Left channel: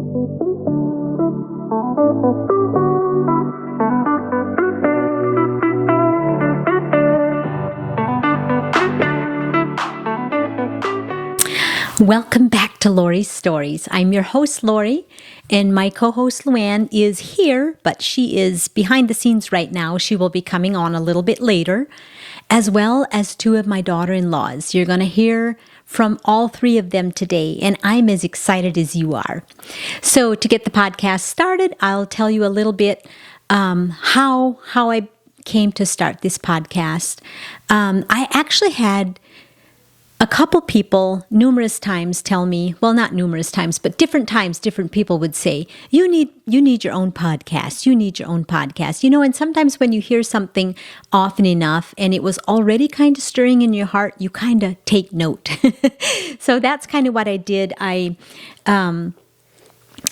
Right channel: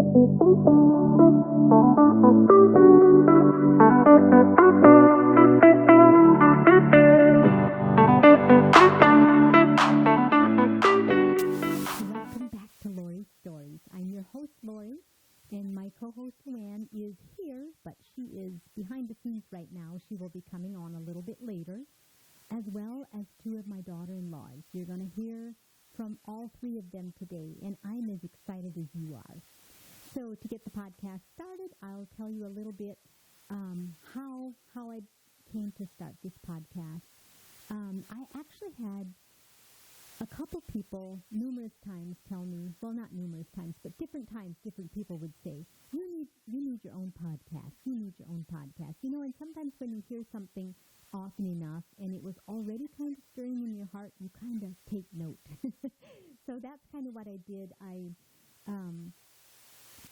Welcome back to Laurie's Stories. I'm your host, Laurie, and my co-host, Luanne, is here, but she is behind the scenes right now. She will be coming on a little bit later, as well as two of my daughter-in-laws. You're going to hear from all three of them today, and I'm as excited as you are. So to get the podcast started, I'll tell you a little bit how I came to start this podcast. I actually had a couple people numerous times tell me, well, not numerous times, but different times, different people would say, you need your own podcast. You need your own podcast. And sometimes when you hear something often enough and it was already kind of stirring in your heart, you kind of take note. So that's kind of what I did. I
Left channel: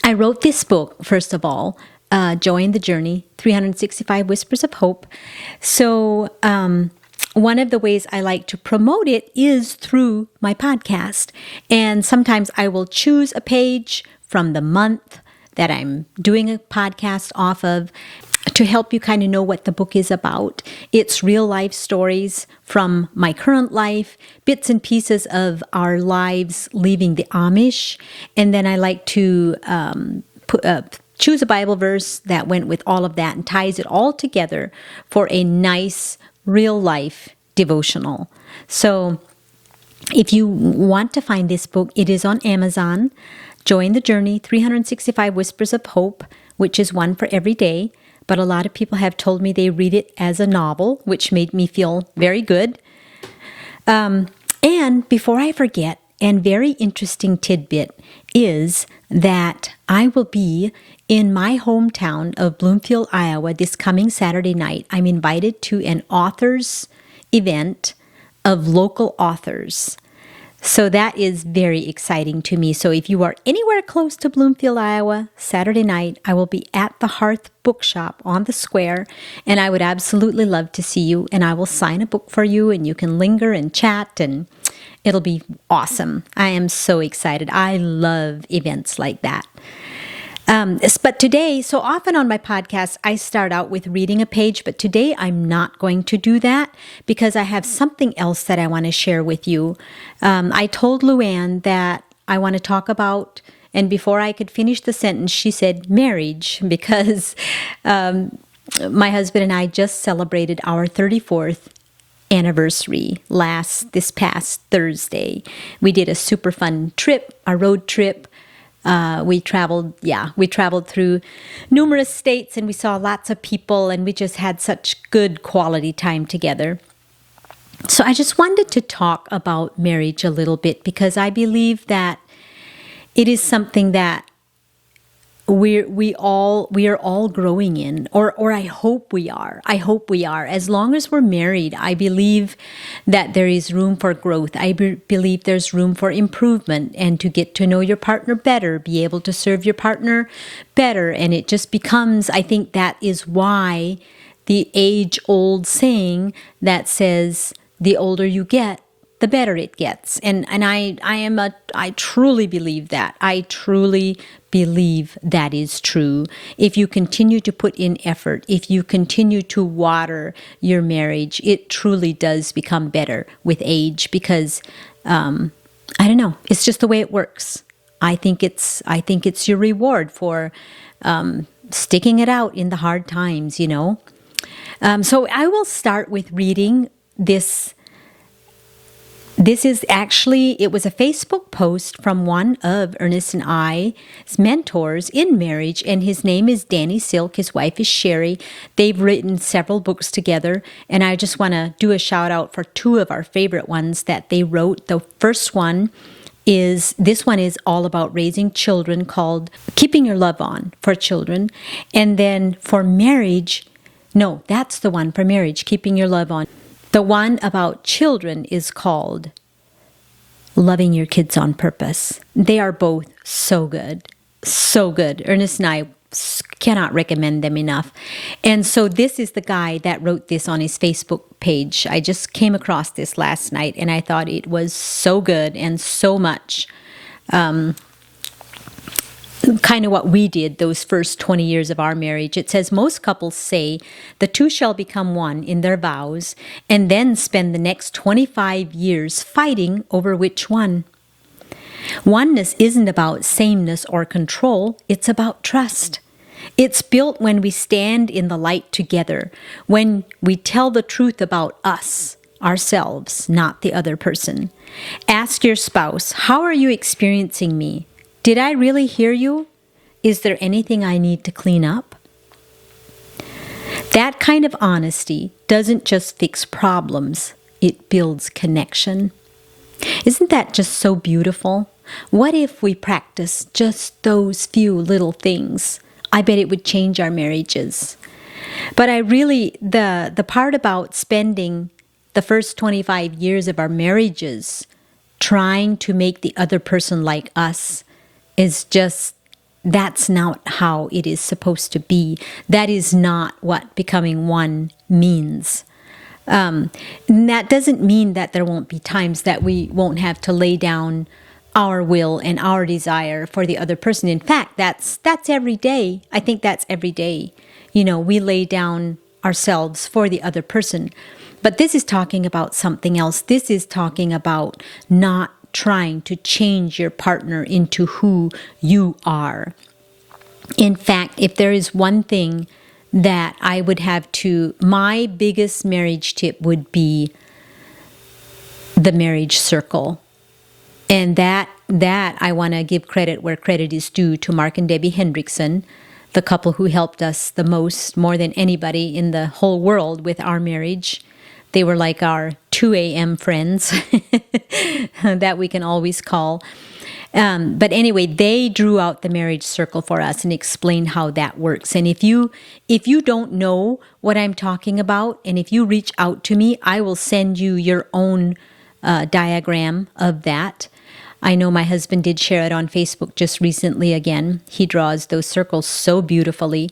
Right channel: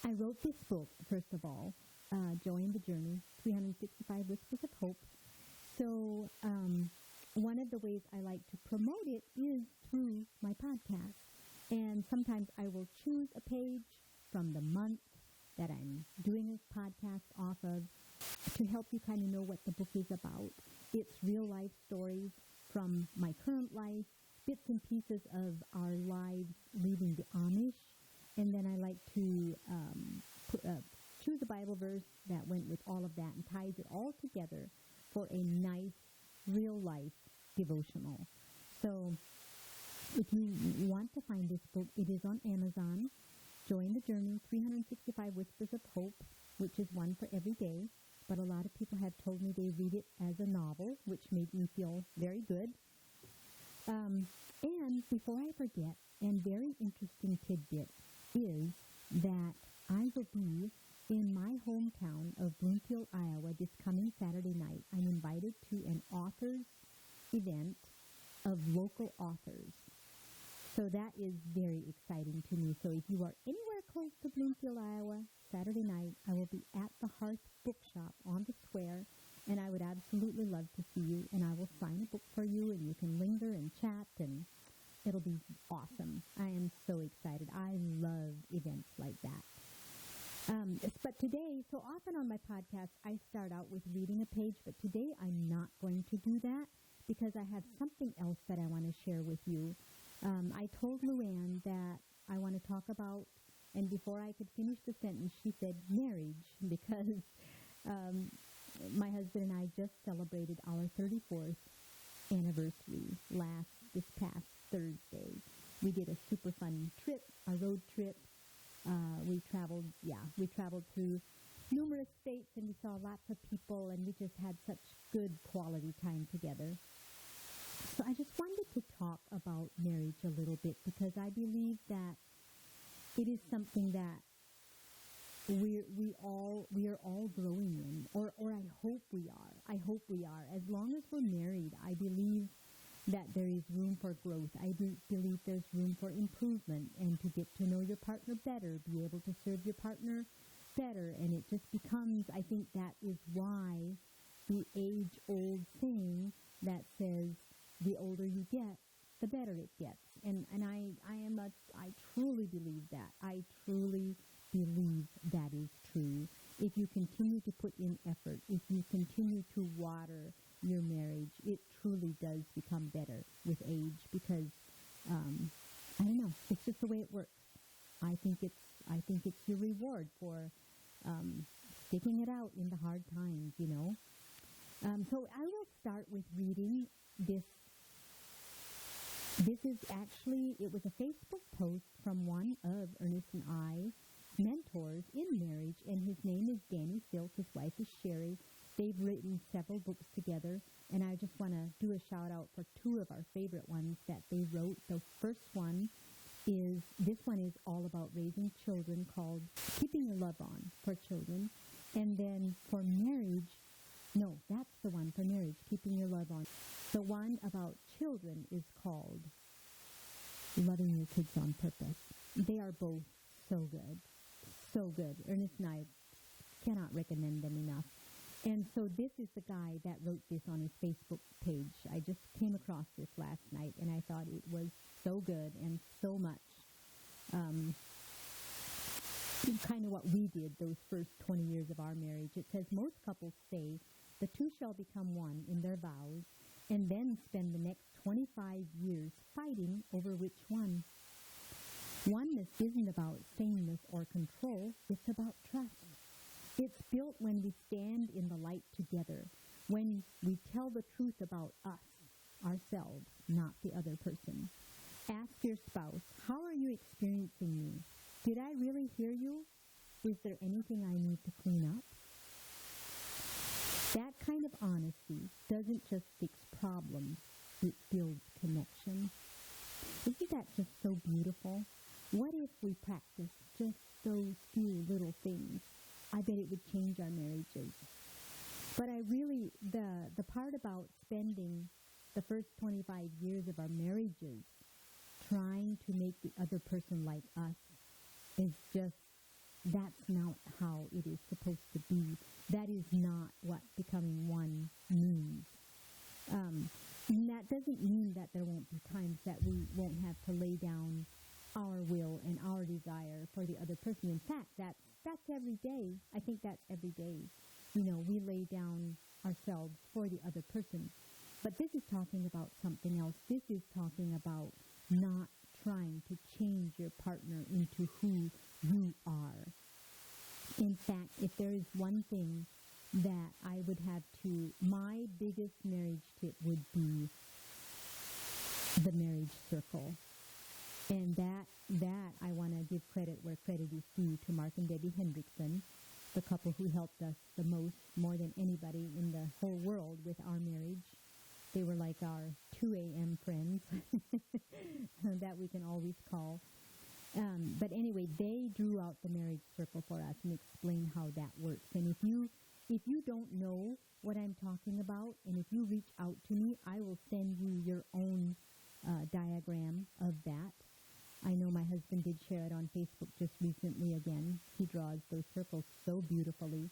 wrote this book, first of all, Join the Journey, 365 Whispers of Hope. So, one of the ways I like to promote it is through my podcast. And sometimes I will choose a page from the month that I'm doing a podcast off of to help you kind of know what the book is about. It's real life stories from my current life, bits and pieces of our lives leaving the Amish. And then I like to choose a Bible verse that went with all of that and ties it all together for a nice real life devotional. So if you want to find this book, it is on Amazon. Join the Journey, 365 Whispers of Hope, which is one for every day. But a lot of people have told me they read it as a novel, which made me feel very good. And before I forget, and very interesting tidbit is that I will be in my hometown of Bloomfield, Iowa, this coming Saturday night. I'm invited to an authors event of local authors. So that is very exciting to me. So if you are anywhere close to Bloomfield, Iowa, Saturday night, I will be at the Hearth Bookshop on the square, and I would absolutely love to see you, and I will sign a book for you, and you can linger and chat, and it'll be awesome. I am so excited. I love events like that. But today, so often on my podcast, I start out with reading a page, but today I'm not going to do that because I have something else that I want to share with you. I told Luanne that I want to talk about, and before I could finish the sentence, she said marriage, because my husband and I just celebrated our 34th anniversary this past Thursday. We did a super fun trip, a road trip. We traveled through numerous states, and we saw lots of people, and we just had such good quality time together. So I just wanted to talk about marriage a little bit because I believe that it is something that we are all growing in, or I hope we are. I hope we are. As long as we're married, I believe that there is room for growth. I believe there's room for improvement and to get to know your partner better, be able to serve your partner better. And it just becomes, I think that is why the age-old saying that says, the older you get, the better it gets. And I truly believe that. I truly believe that is true. If you continue to put in effort, if you continue to water your marriage, it truly does become better with age because, I don't know, it's just the way it works. I think it's your reward for sticking it out in the hard times, So I will start with reading this. This is actually, it was a Facebook post from one of Ernest and I's mentors in marriage, and his name is Danny Silk. His wife is Sherry. They've written several books together, and I just want to do a shout out for two of our favorite ones that they wrote. The first one is, this one is all about raising children, called Keeping Your Love On for Children. And then for marriage, no, that's the one for marriage, Keeping Your Love On. The one about children is called Loving Your Kids on Purpose. They are both so good, so good. Ernest and I cannot recommend them enough. And so this is the guy that wrote this on his Facebook page. I just came across this last night, and I thought it was so good and so much kind of what we did those first 20 years of our marriage. It says most couples say the two shall become one in their vows and then spend the next 25 years fighting over which one. Oneness isn't about sameness or control, it's about trust. It's built when we stand in the light together, when we tell the truth about us, ourselves, not the other person. Ask your spouse, how are you experiencing me? Did I really hear you? Is there anything I need to clean up? That kind of honesty doesn't just fix problems, it builds connection. Isn't that just so beautiful? What if we practice just those few little things? I bet it would change our marriages. But the part about spending the first 25 years of our marriages trying to make the other person like us is just, that's not how it is supposed to be. That is not what becoming one means. And that doesn't mean that there won't be times that we won't have to lay down our will and our desire for the other person. In fact, that's every day. I think that's every day. We lay down ourselves for the other person. But this is talking about something else. This is talking about not trying to change your partner into who you are. In fact, if there is one thing that I would have my biggest marriage tip would be the marriage circle. And that I want to give credit where credit is due to Mark and Debbie Hendrickson, the couple who helped us the most, more than anybody in the whole world with our marriage. They were like our 2 a.m. friends that we can always call. But anyway, they drew out the marriage circle for us and explained how that works. And if you don't know what I'm talking about, and if you reach out to me, I will send you your own diagram of that. I know my husband did share it on Facebook just recently again. He draws those circles so beautifully.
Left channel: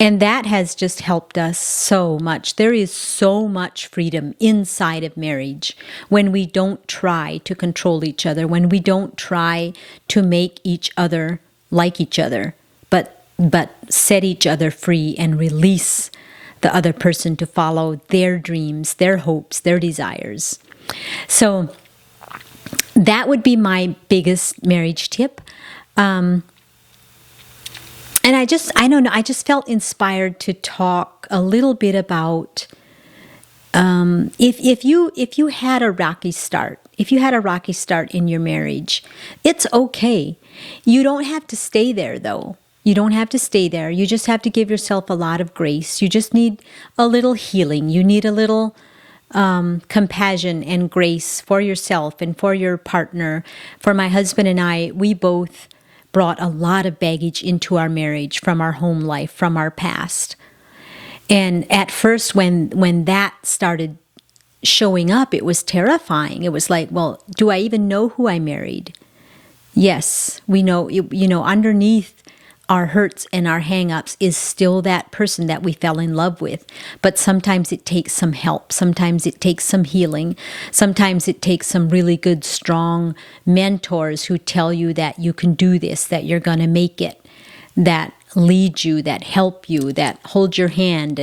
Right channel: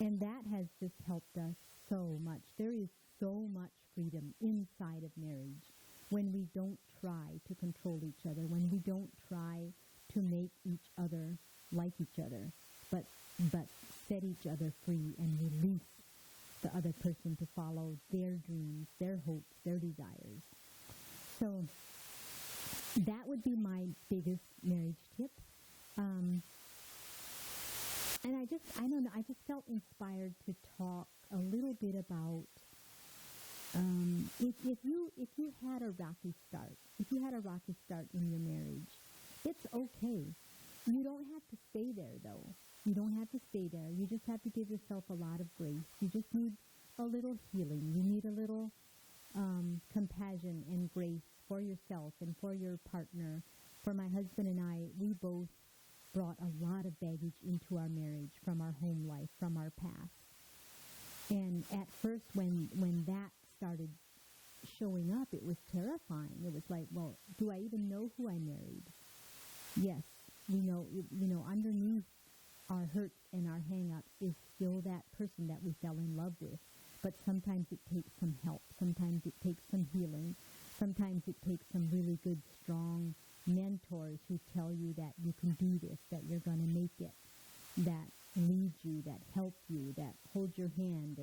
And that has just helped us so much. There is so much freedom inside of marriage when we don't try to control each other, when we don't try to make each other like each other, but set each other free and release the other person to follow their dreams, their hopes, their desires. So that would be my biggest marriage tip. And I don't know, I just felt inspired to talk a little bit about if you had a rocky start, in your marriage, it's okay. You don't have to stay there though. You don't have to stay there. You just have to give yourself a lot of grace. You just need a little healing. You need a little compassion and grace for yourself and for your partner. For my husband and I, we both brought a lot of baggage into our marriage from our home life, from our past. And at first, when that started showing up, it was terrifying. It was like, well, do I even know who I married? Yes, we know, underneath our hurts and our hang-ups is still that person that we fell in love with. But sometimes it takes some help. Sometimes it takes some healing. Sometimes it takes some really good, strong mentors who tell you that you can do this, that you're going to make it, that lead you, that help you, that hold your hand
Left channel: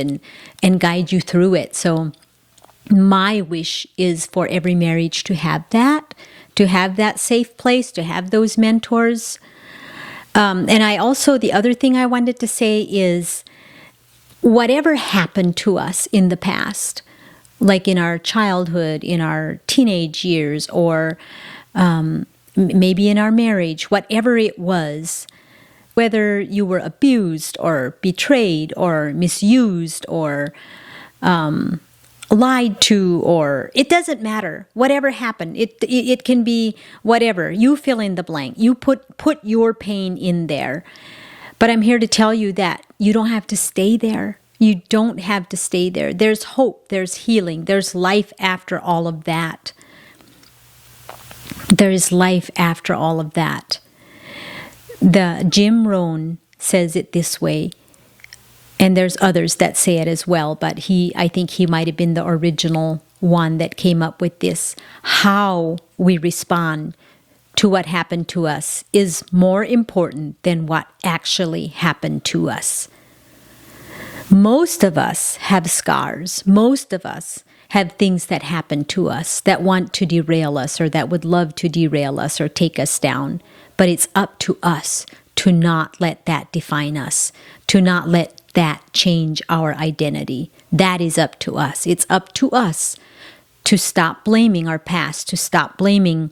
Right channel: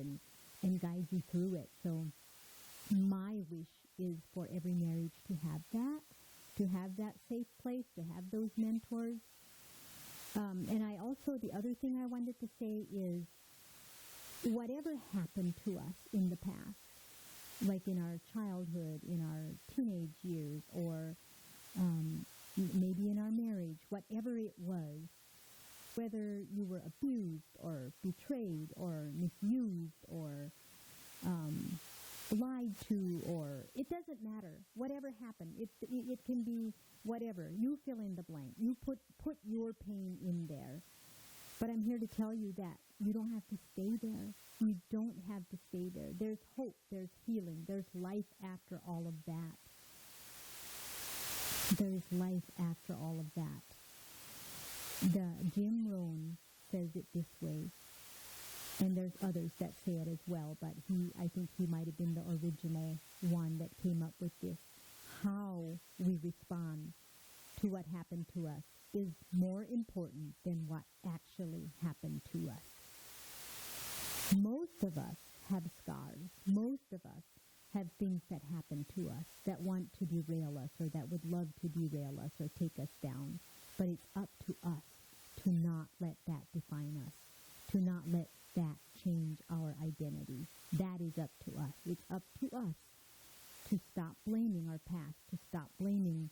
and guide you through it. So my wish is for every marriage to have that safe place, to have those mentors. And I also, the other thing I wanted to say is whatever happened to us in the past, like in our childhood, in our teenage years, or maybe in our marriage, whatever it was, whether you were abused or betrayed or misused or lied to, or it doesn't matter. Whatever happened, it can be whatever. You fill in the blank. You put your pain in there. But I'm here to tell you that you don't have to stay there. You don't have to stay there. There's hope. There's healing. There's life after all of that. There is life after all of that. The Jim Rohn says it this way, and there's others that say it as well, but I think he might have been the original one that came up with this. How we respond to what happened to us is more important than what actually happened to us. Most of us have scars. Most of us have things that happen to us that want to derail us or that would love to derail us or take us down. But it's up to us to not let that define us, to not let that change our identity. That is up to us. It's up to us to stop blaming our past, to stop blaming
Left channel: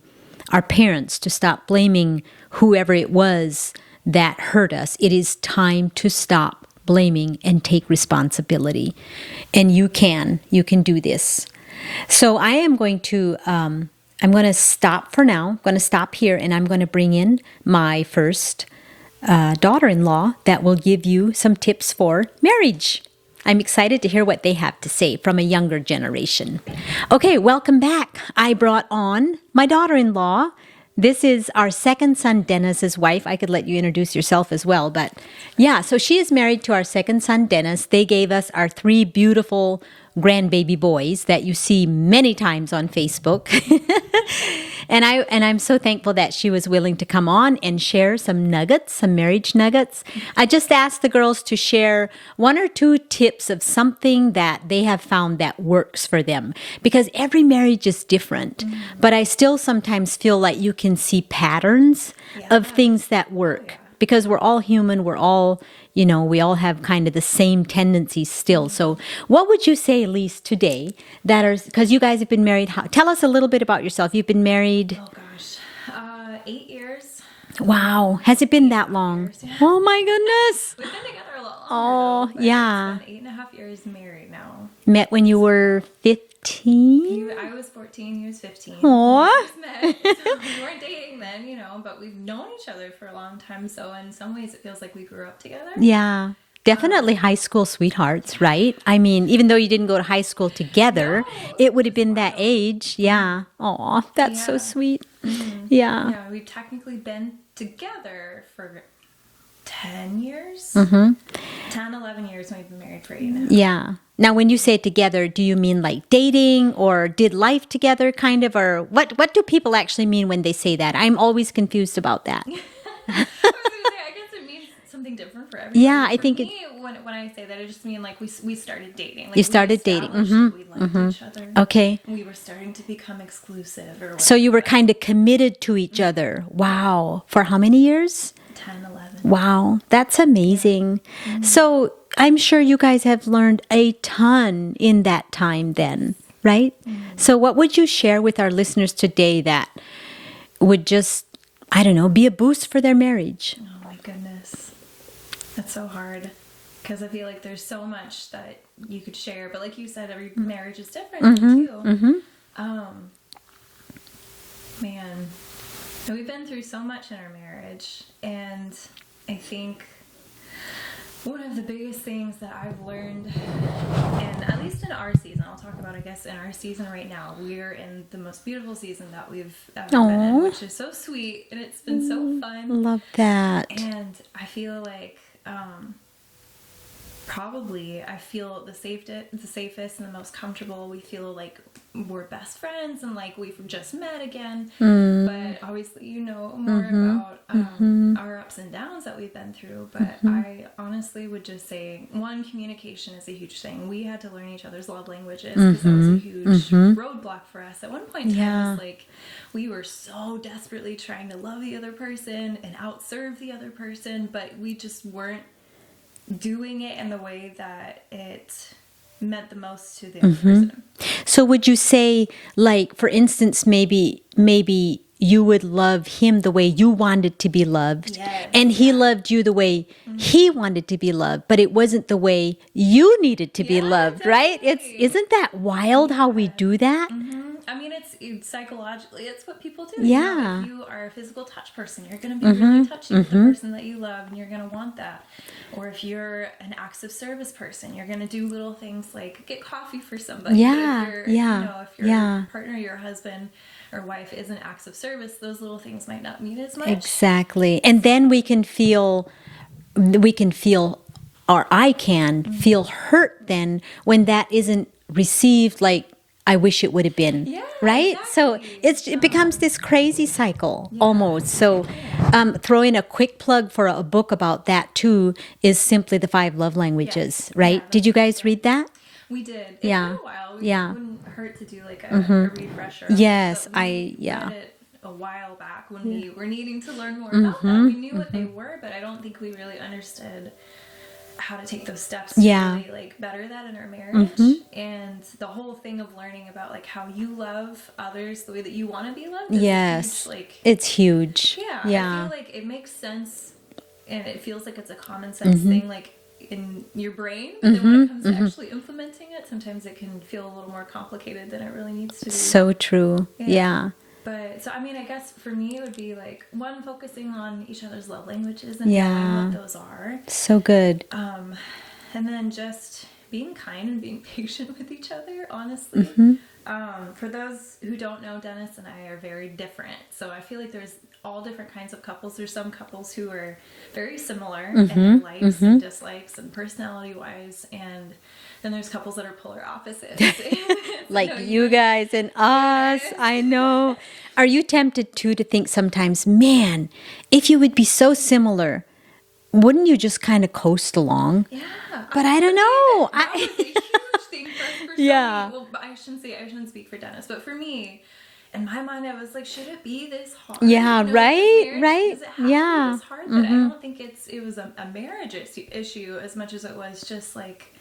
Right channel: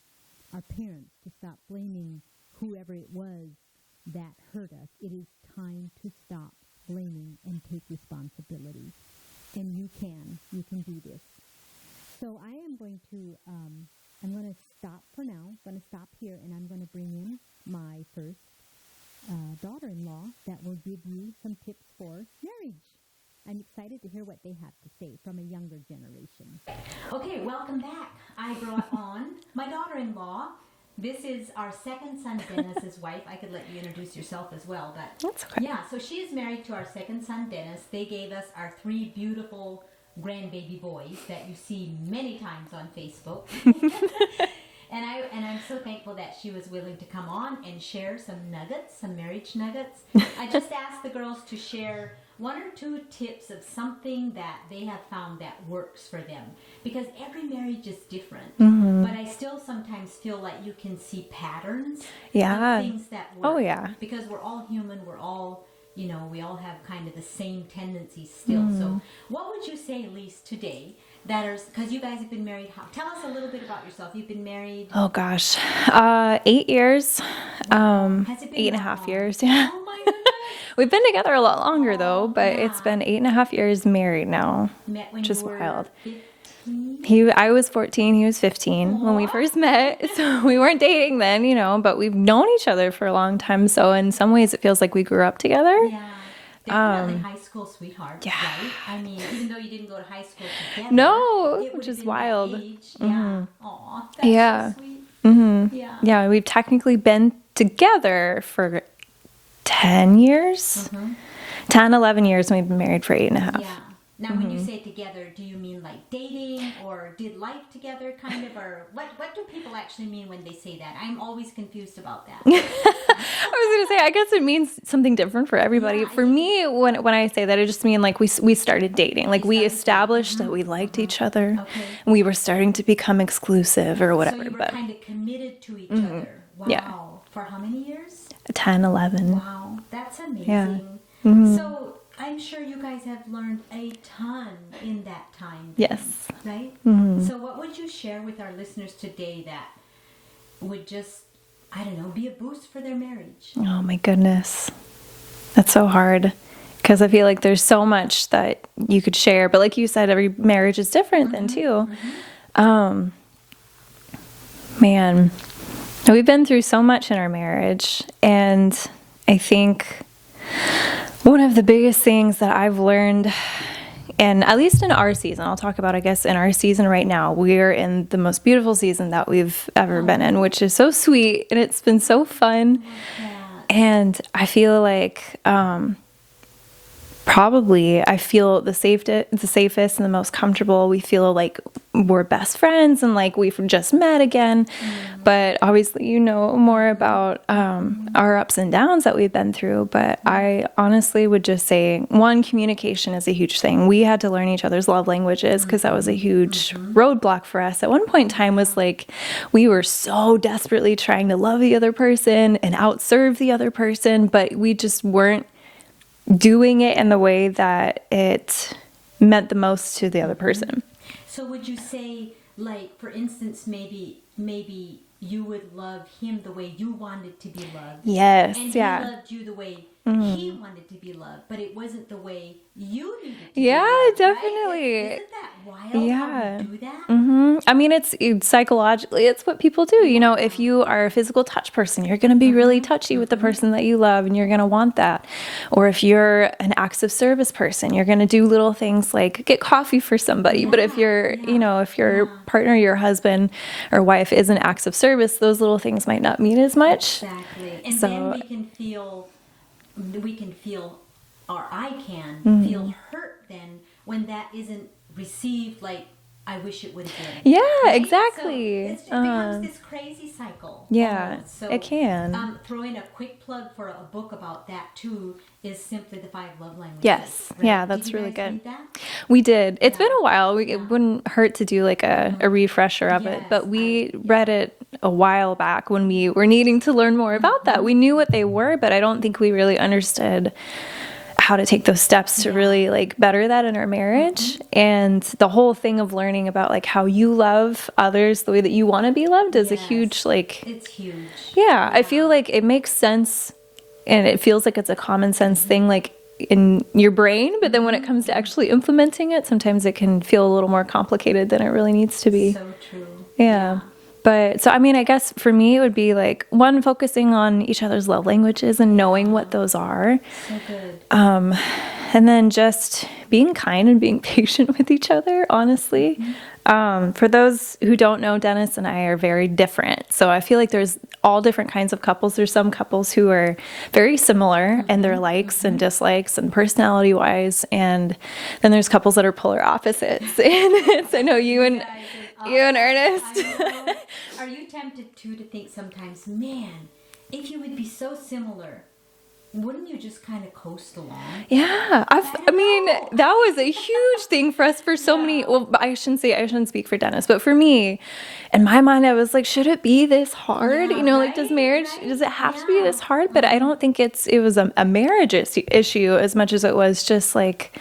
our parents, to stop blaming whoever it was that hurt us. It is time to stop blaming and take responsibility. And you can do this. So I am going to, I'm going to stop for now. I'm going to stop here, and I'm going to bring in my first daughter-in-law that will give you some tips for marriage. I'm excited to hear what they have to say from a younger generation. Okay, welcome back. I brought on my daughter-in-law. This is our second son, Dennis's wife. I could let you introduce yourself as well, but yeah, so she is married to our second son, Dennis. They gave us our 3 beautiful grandbaby boys that you see many times on Facebook. And I'm so thankful that she was willing to come on and share some nuggets, some marriage nuggets. I just asked the girls to share 1 or 2 tips of something that they have found that works for them, because every marriage is different. Mm-hmm. But I still sometimes feel like you can see patterns of things that work. Because we're all human, we're all, we all have kind of the same tendencies still. Mm. So what would you say, Elise, today because you guys have been married, tell us a little bit about yourself. You've been married. Oh gosh. 8 years. Wow. Has it been that long? Years, yeah. Oh my goodness. We've been together a lot longer though, but it's been 8.5 years married now. Met when you were 15? I was 14, he was 15 when we first met. So we weren't dating then, but we've known each other for a long time. So in some ways it feels like we grew up together. Yeah. Definitely high school sweethearts, right? I mean, even though you didn't go to high school together, it would have been that age. Yeah. Aw, that's so sweet. Mm-hmm. Yeah. Yeah, we've technically been together for 10 years. Mm-hmm. 10, 11 years, and we've been married for 8.5. Yeah. Now, when you say together, do you mean like dating or did life together kind of, or what do people actually mean when they say that? I'm always confused about that. I was going to say, I guess it means something different for everybody. Yeah, for me, when I say that, it just means like we started dating. Like we established that we liked each other. Okay. And we were starting to become exclusive or whatever. So you were kind of committed to each other. Wow. Yeah. For how many years? 10, 11. Wow. That's amazing. Yeah. Mm-hmm. So I'm sure you guys have learned a ton in that time then, right? Mm-hmm. So what would you share with our listeners today that would just, I don't know, be a boost for their marriage? Oh my goodness. That's so hard because I feel like there's so much that you could share. But like you said, every marriage is different then too. Mm-hmm. Man, we've been through so much in our marriage. And I think one of the biggest things that I've learned, and at least in our season, I'll talk about, I guess, in our season right now, we're in the most beautiful season that we've ever been in, which is so sweet, and it's been so fun. Love that. And I feel like probably I feel the safest and the most comfortable. We feel like we're best friends and like we've just met again. But obviously, more about our ups and downs that we've been through. But I honestly would just say, one, communication is a huge thing. We had to learn each other's love languages because that was a huge roadblock for us. At one point in time was like, we were so desperately trying to love the other person and outserve the other person, but we just weren't doing it in the way that it meant the most to the other person. So would you say, like, for instance, maybe you would love him the way you wanted to be loved. Yes. And he loved you the way he wanted to be loved, but it wasn't the way you needed to be loved, definitely. right? Isn't that wild how we do that? I mean, it's psychologically, it's what people do. If you are a physical touch person, you're going to be really touchy with the person that you love, and you're going to want that. Or if you're an acts of service person, you're going to do little things like get coffee for somebody. But if you're, if your partner, your husband or wife isn't acts of service, those little things might not mean as much. Exactly. And then we can feel, or I can feel hurt then when that isn't received like I wish it would have been. Yeah, right? exactly. So it becomes this crazy cycle almost. So it can. throwing a quick plug for a book about that too is simply The 5 Love Languages, Yes. right? Yeah, Did you that's really guys good. read that? We did. It's Yeah. been a while. Yeah. It wouldn't hurt to do like a refresher of Yes, it. But we yeah. read it a while back when we were needing to learn more about that. We knew what they were, but I don't think we really understood how to take those steps to really like better that in our marriage. And the whole thing of learning about like how you love others the way that you want to be loved is a huge like it's huge. yeah, I feel like it makes sense and it feels like it's a common sense thing like in your brain, but then when it comes to actually implementing it, sometimes it can feel a little more complicated than it really needs to be. So true. Yeah. But so, I mean, I guess for me, it would be like one, focusing on each other's love languages and knowing what those are. So good. And then just being kind and being patient with each other, honestly. For those who don't know, Dennis and I are very different. So I feel like there's all different kinds of couples. There's some couples who are very similar in their likes and dislikes and personality wise. And then there's couples that are polar opposites. So like no, you guys and us. and Ernest. I know. Are you tempted too to think sometimes, man, if you would be so similar, wouldn't you just kind of coast along? Yeah. But I don't know. That was a huge thing for us for so many. Well, I shouldn't speak for Dennis, but for me, in my mind, I was like, should it be this hard? Yeah, you know, right, like this marriage, right. does it have to be this hard? But I don't think it was a marriage issue as much as it was just like,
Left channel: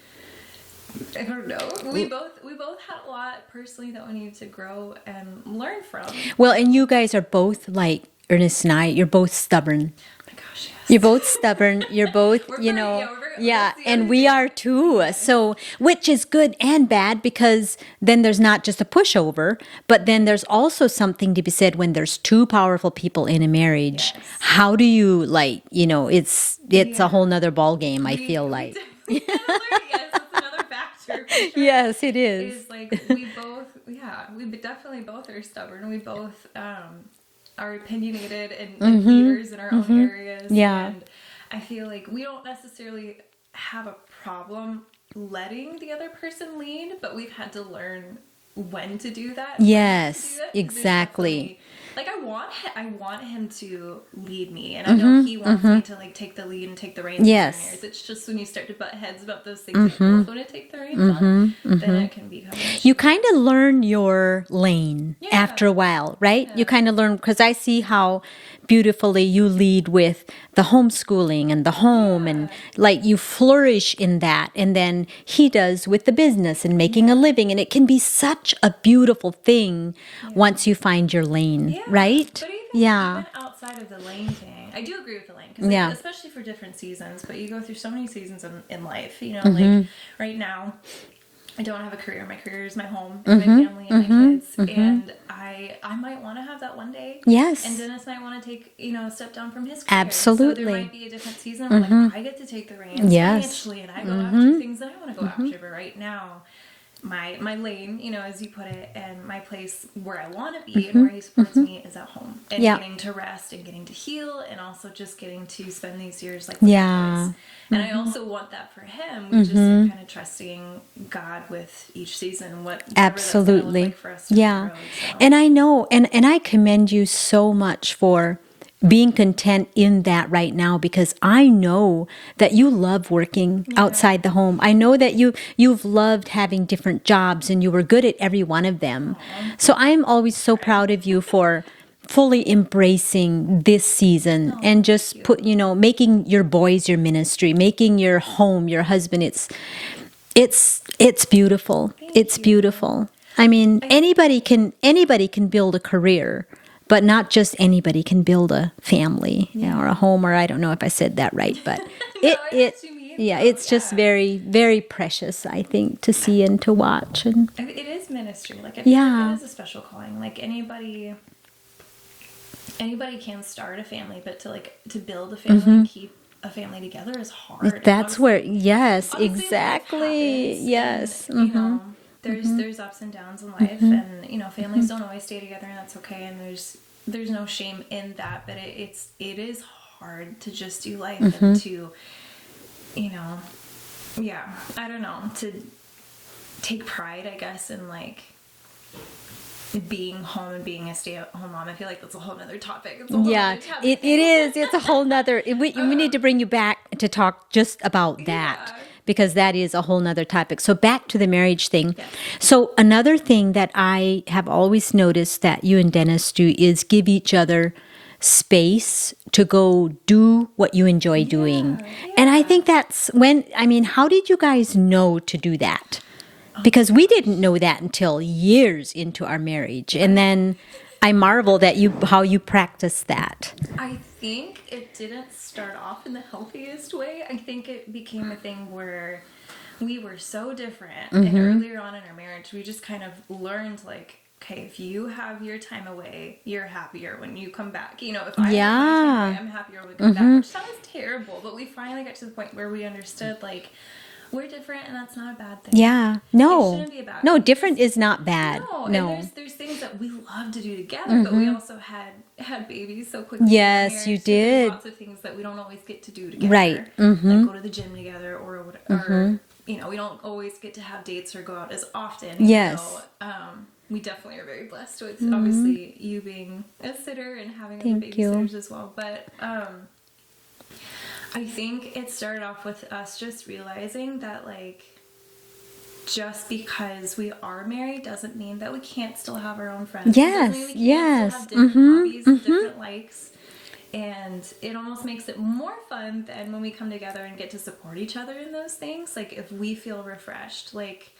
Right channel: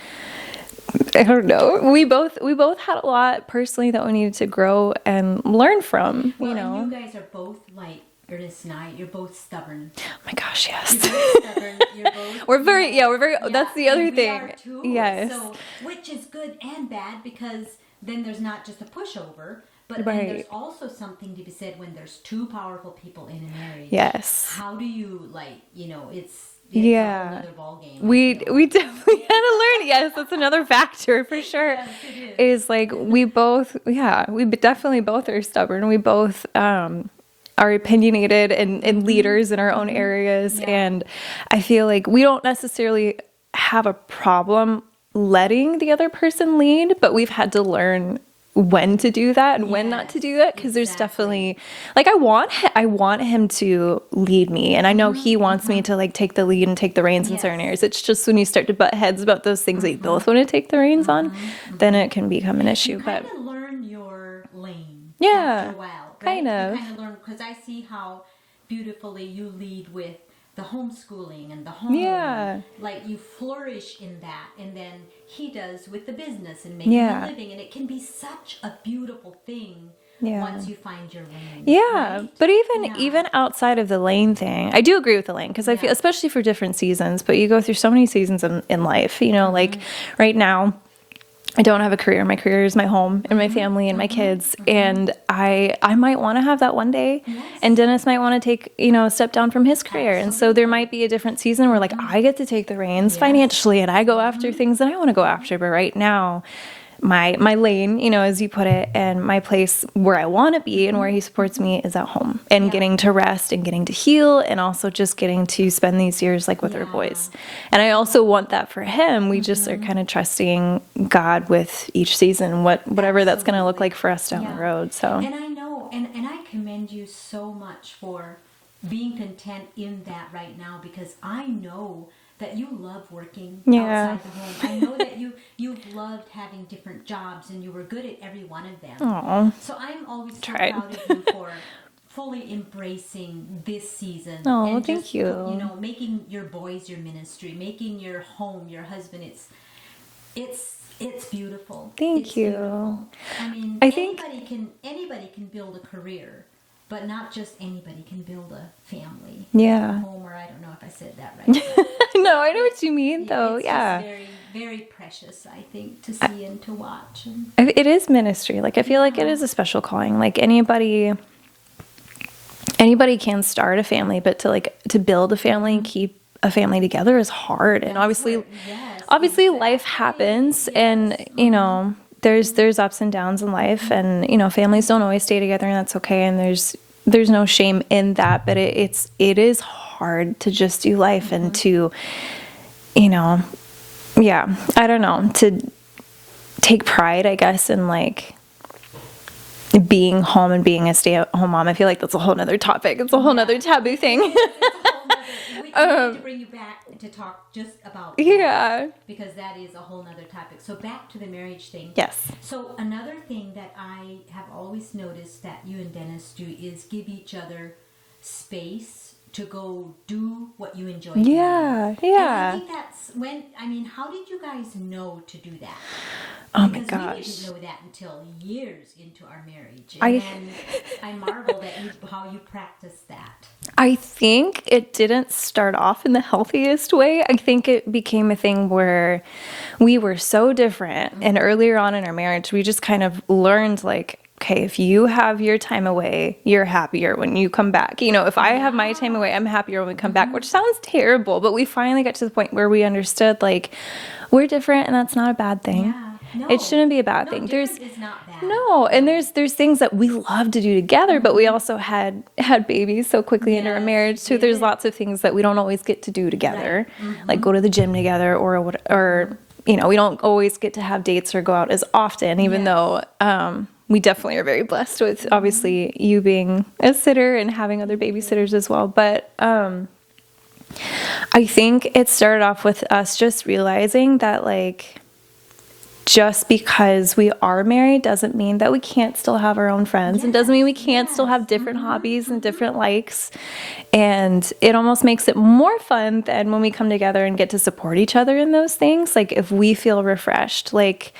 I don't know. We both had a lot personally that we needed to grow and learn from. Well, and you guys are both like Ernest and I, you're both stubborn. Oh my gosh, yes. You're both stubborn. You're both. We're very. That's the other and we thing. are too. Yes. So, which is good and bad because then there's not just a pushover, but then there's also something to be said when there's two powerful people in a marriage. Yes. How do you it's a whole nother ball game. I feel like we definitely had to learn. Yes, that's another factor for sure. Yes, it is. Is like we definitely both are stubborn. We both are opinionated and leaders in our own areas. Yeah. And I feel like we don't necessarily have a problem letting the other person lead, but we've had to learn when to do that and when not to do that, because there's definitely like I want him to lead me, and I know he wants me to like take the lead and take the reins in certain areas. It's just when you start to butt heads about those things that you both want to take the reins on, then it can become an issue. You kind of learn your lane after a while, right? You kind of learn, because I see how beautifully you lead with the homeschooling and the home, and like you flourish in that, and then he does with the business and making a living, and it can be such a beautiful thing once you find your lane, right? But even outside of the lane thing, I do agree with the lane, because I feel, especially for different seasons, but you go through so many seasons in life, you know, like right now I don't have a career. My career is my home and my family and my kids. And I might want to have that one day. Yes. And Dennis might want to take, a step down from his career. Absolutely. So there might be a different season where like I get to take the reins financially and I go after things that I want to go after. But right now, my lane, as you put it, and my place where I want to be and where he supports me is at home, and getting to rest and getting to heal, and also just getting to spend these years like with our boys. And I also want that for him. We just are kind of trusting God with each season, whatever that's going to look like for us down the road. So, and I know, and I commend you so much for being content in that right now, because I know that you love working outside the home. I know that you've loved having different jobs, and you were good at every one of them. Aww. So I am always so proud of you for fully embracing this season and just making your boys your ministry, making your home your husband. It's beautiful. It's beautiful. I mean, anybody can build a career, but not just anybody can build a family or a home, or I don't know if I said that right, but no, I know what you mean. Yeah, it's just very, very precious, I think, to see and to watch. And it is ministry. Like I feel like it is a special calling. Like anybody can start a family, but to build a family and keep a family together is hard. That's and obviously life happens, and there's ups and downs in life, and families don't always stay together, and that's okay, and there's no shame in that, but it is hard to just do life and to I don't know, to take pride, I guess, in like being home and being a stay-at-home mom. I feel like that's a whole nother topic. It's a whole nother taboo thing. It is. It's a whole nother. We need to bring you back to talk just about that, because that is a whole nother topic. So back to the marriage thing. Yes. So another thing that I have always noticed that you and Dennis do is give each other space to go do what you enjoy doing. And I think that's how did you guys know to do that? Because we didn't know that until years into our marriage. And then I marvel that how you practice that. I think it didn't start off in the healthiest way. I think it became a thing where we were so different. And earlier on in our marriage, we just kind of learned like, okay, if you have your time away, you're happier when you come back. You know, if I have my time away, I'm happier when we come back, which sounds terrible. But we finally got to the point where we understood like, we're different, and that's not a bad thing. Yeah. No. It shouldn't be a bad thing. No, different is not bad. No, and there's things that we love to do together, but we also had babies so quickly in our marriage. So there's lots of things that we don't always get to do together. Right. Like go to the gym together or you know, we don't always get to have dates or go out as often, even though we definitely are very blessed with obviously you being a sitter and having other babysitters as well. But I think it started off with us just realizing that like just because we are married doesn't mean that we can't still have our own friends. It doesn't mean we can't still have different hobbies and different likes. And it almost makes it more fun than when we come together and get to support each other in those things. Like if we feel refreshed, like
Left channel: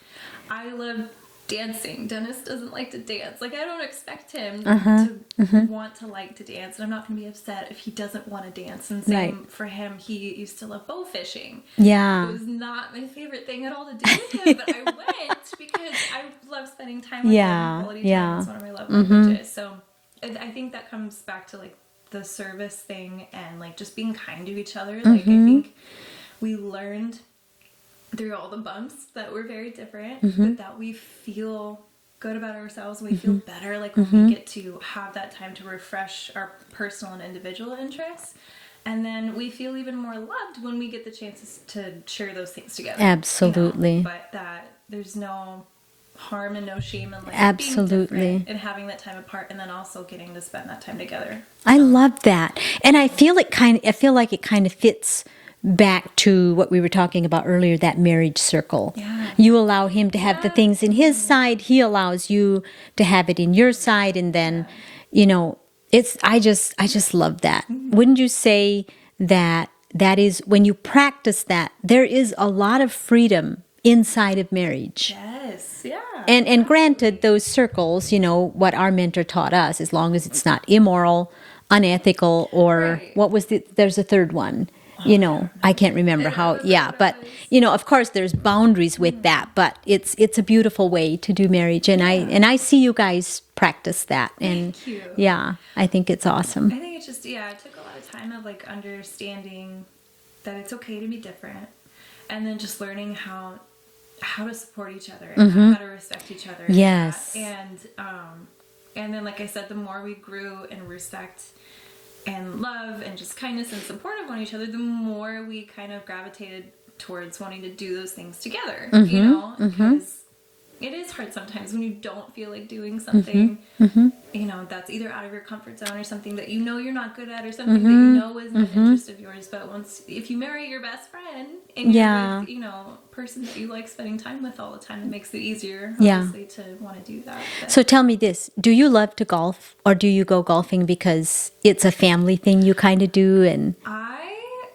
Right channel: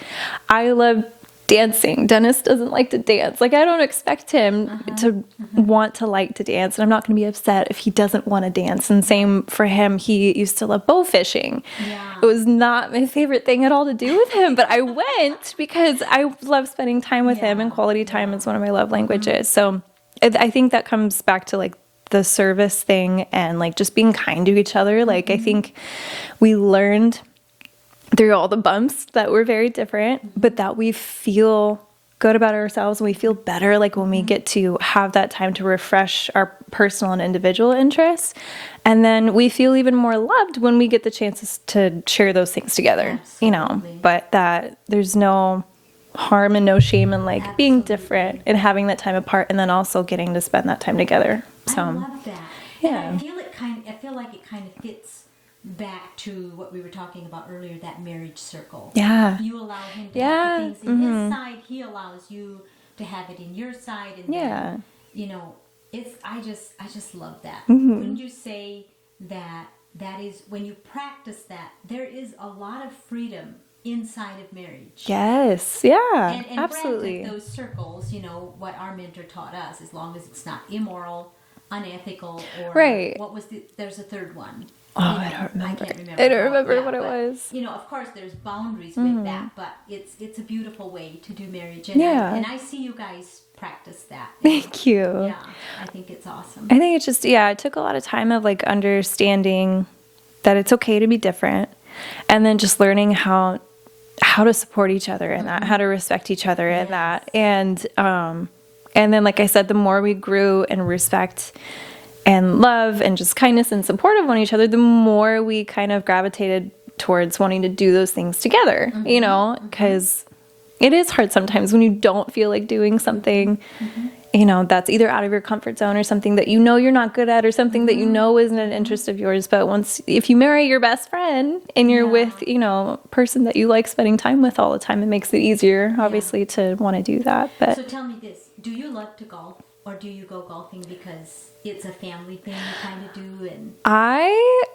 I love dancing. Dennis doesn't like to dance. Like I don't expect him to want to like to dance, and I'm not going to be upset if he doesn't want to dance. And same for him. He used to love bow fishing. Yeah, it was not my favorite thing at all to do with him, but I went because I love spending time with him, and quality time is one of my love languages. So I think that comes back to like the service thing and like just being kind to each other. Like I think we learned through all the bumps that we're very different, but that we feel good about ourselves and we feel better like when we get to have that time to refresh our personal and individual interests. And then we feel even more loved when we get the chances to share those things together. Absolutely. You know? But that there's no harm and no shame in like being different and having that time apart, and then also getting to spend that time together. So, I love that. And I feel like it kind of fits back to what we were talking about earlier, that marriage circle. Yeah. You allow him to have the things in his side, he allows you to have it in your side, and then, you know, I just love that. Wouldn't you say that is when you practice that, there is a lot of freedom inside of marriage? Yes. Yeah. And granted, those circles, you know, what our mentor taught us, as long as it's not immoral, unethical, or what was there's a third one. You know, I can't remember how. But you know, of course, there's boundaries with that. But it's a beautiful way to do marriage, and I see you guys practice that. And thank you. Yeah, I think it's awesome. I think it's just it took a lot of time of like understanding that it's okay to be different, and then just learning how to support each other and how to respect each other in that, and then like I said, the more we grew in respect and love and just kindness and support of one each other, the more we kind of gravitated towards wanting to do those things together, you know, because it is hard sometimes when you don't feel like doing something, you know, that's either out of your comfort zone or something that you know you're not good at or something that you know isn't an interest of yours. But if you marry your best friend and you're with, you know, a person that you like spending time with all the time, it makes it easier, obviously, to want to do that. But. So tell me this, do you love to golf, or do you go golfing because it's a family thing you kind of do? And I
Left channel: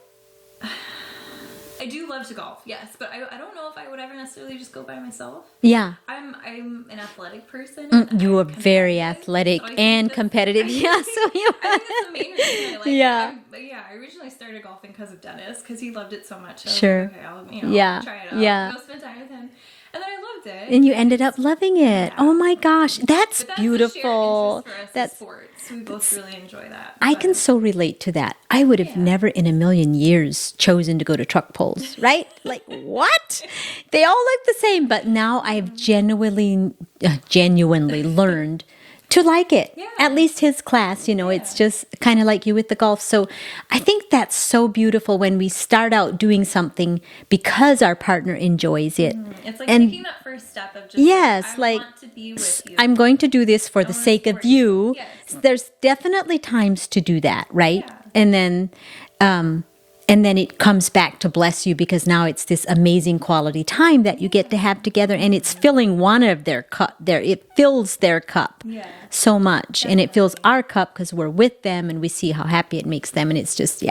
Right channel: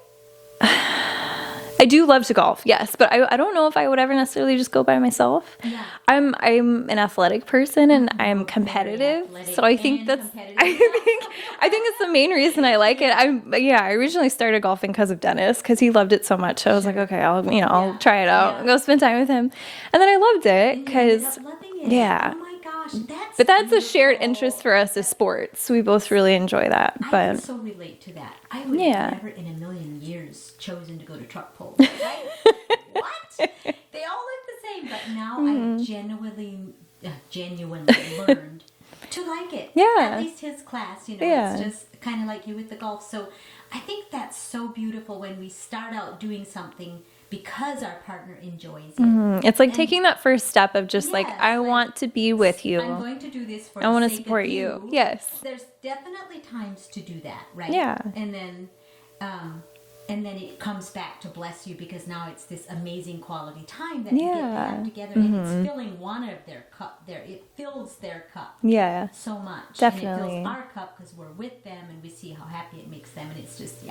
do love to golf, yes, but I don't know if I would ever necessarily just go by myself. Yeah, I'm an athletic person, and I'm competitive, very athletic and competitive. I think that's the main reason I like it. I originally started golfing because of Dennis, because he loved it so much. So I was like, okay, I'll try it out, go spend time with him, and then I loved it. And you ended up loving it. Yeah. Oh my gosh, that's beautiful. A shared interest for us as sports. We both really enjoy that. I can so relate to that. I would have never in a million years chosen to go to truck pulls. Right? Like, what? They all look the same, but now I've genuinely learned to like it. Yeah. At least his class, you know, it's Yeah. just kind of like you with the golf. So I think that's so beautiful when we start out doing something because our partner enjoys it. It's like And- taking that first step of just Yes, I like, want to be with you. I'm going to do this for the wanna sake of support you. you. Yes. There's definitely times to do that, right? Yeah. And then it comes back to bless you because now it's this amazing quality time that you get to have Yeah. together, and it's filling one of their cup. It fills their cup. Yeah. So much, and it fills Definitely. our cup because we're with them and we see how happy it makes them, and it's just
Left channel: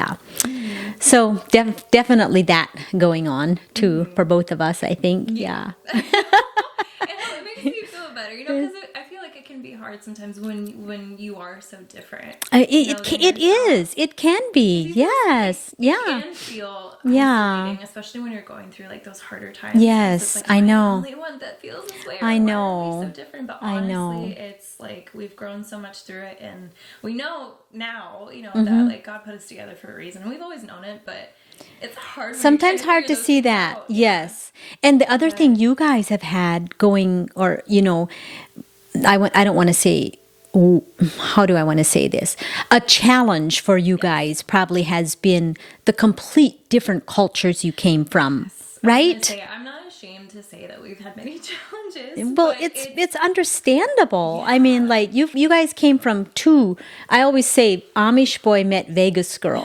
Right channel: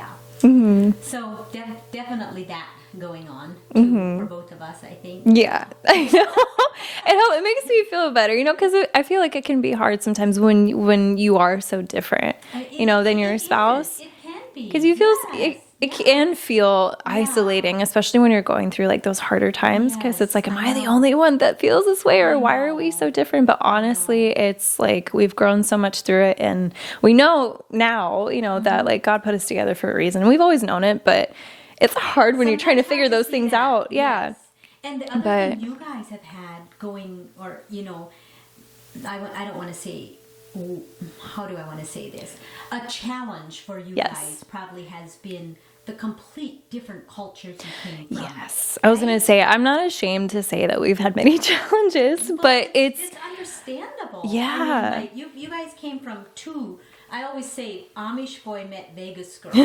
So definitely that going on too for both of us, I think. Yeah. I know. It makes me feel better, you know, because I feel like it can be hard sometimes when you are so different, than your spouse. It can be. 'Cause you feel, Yes. it can feel Yeah. isolating, especially when you're going through like those harder times. Yes, it's like, I am I the know. only one that feels this way, or I why are we know. so different? But I honestly, know. it's like we've grown so much through it, and we know now, that like God put us together for a reason. We've always known it, but it's hard when you're trying to figure those things out. Yeah. Yes. And the other thing But- you guys have had going, or, I don't want to say, how do I want to say this? A challenge for you Yes. guys probably has been the complete different cultures you came from. Yes. I was Right? going to say, I'm not ashamed to say that we've had many challenges, Well, but it's understandable. I mean, Yeah. like you guys came from two. I always say Amish boy met Vegas girl.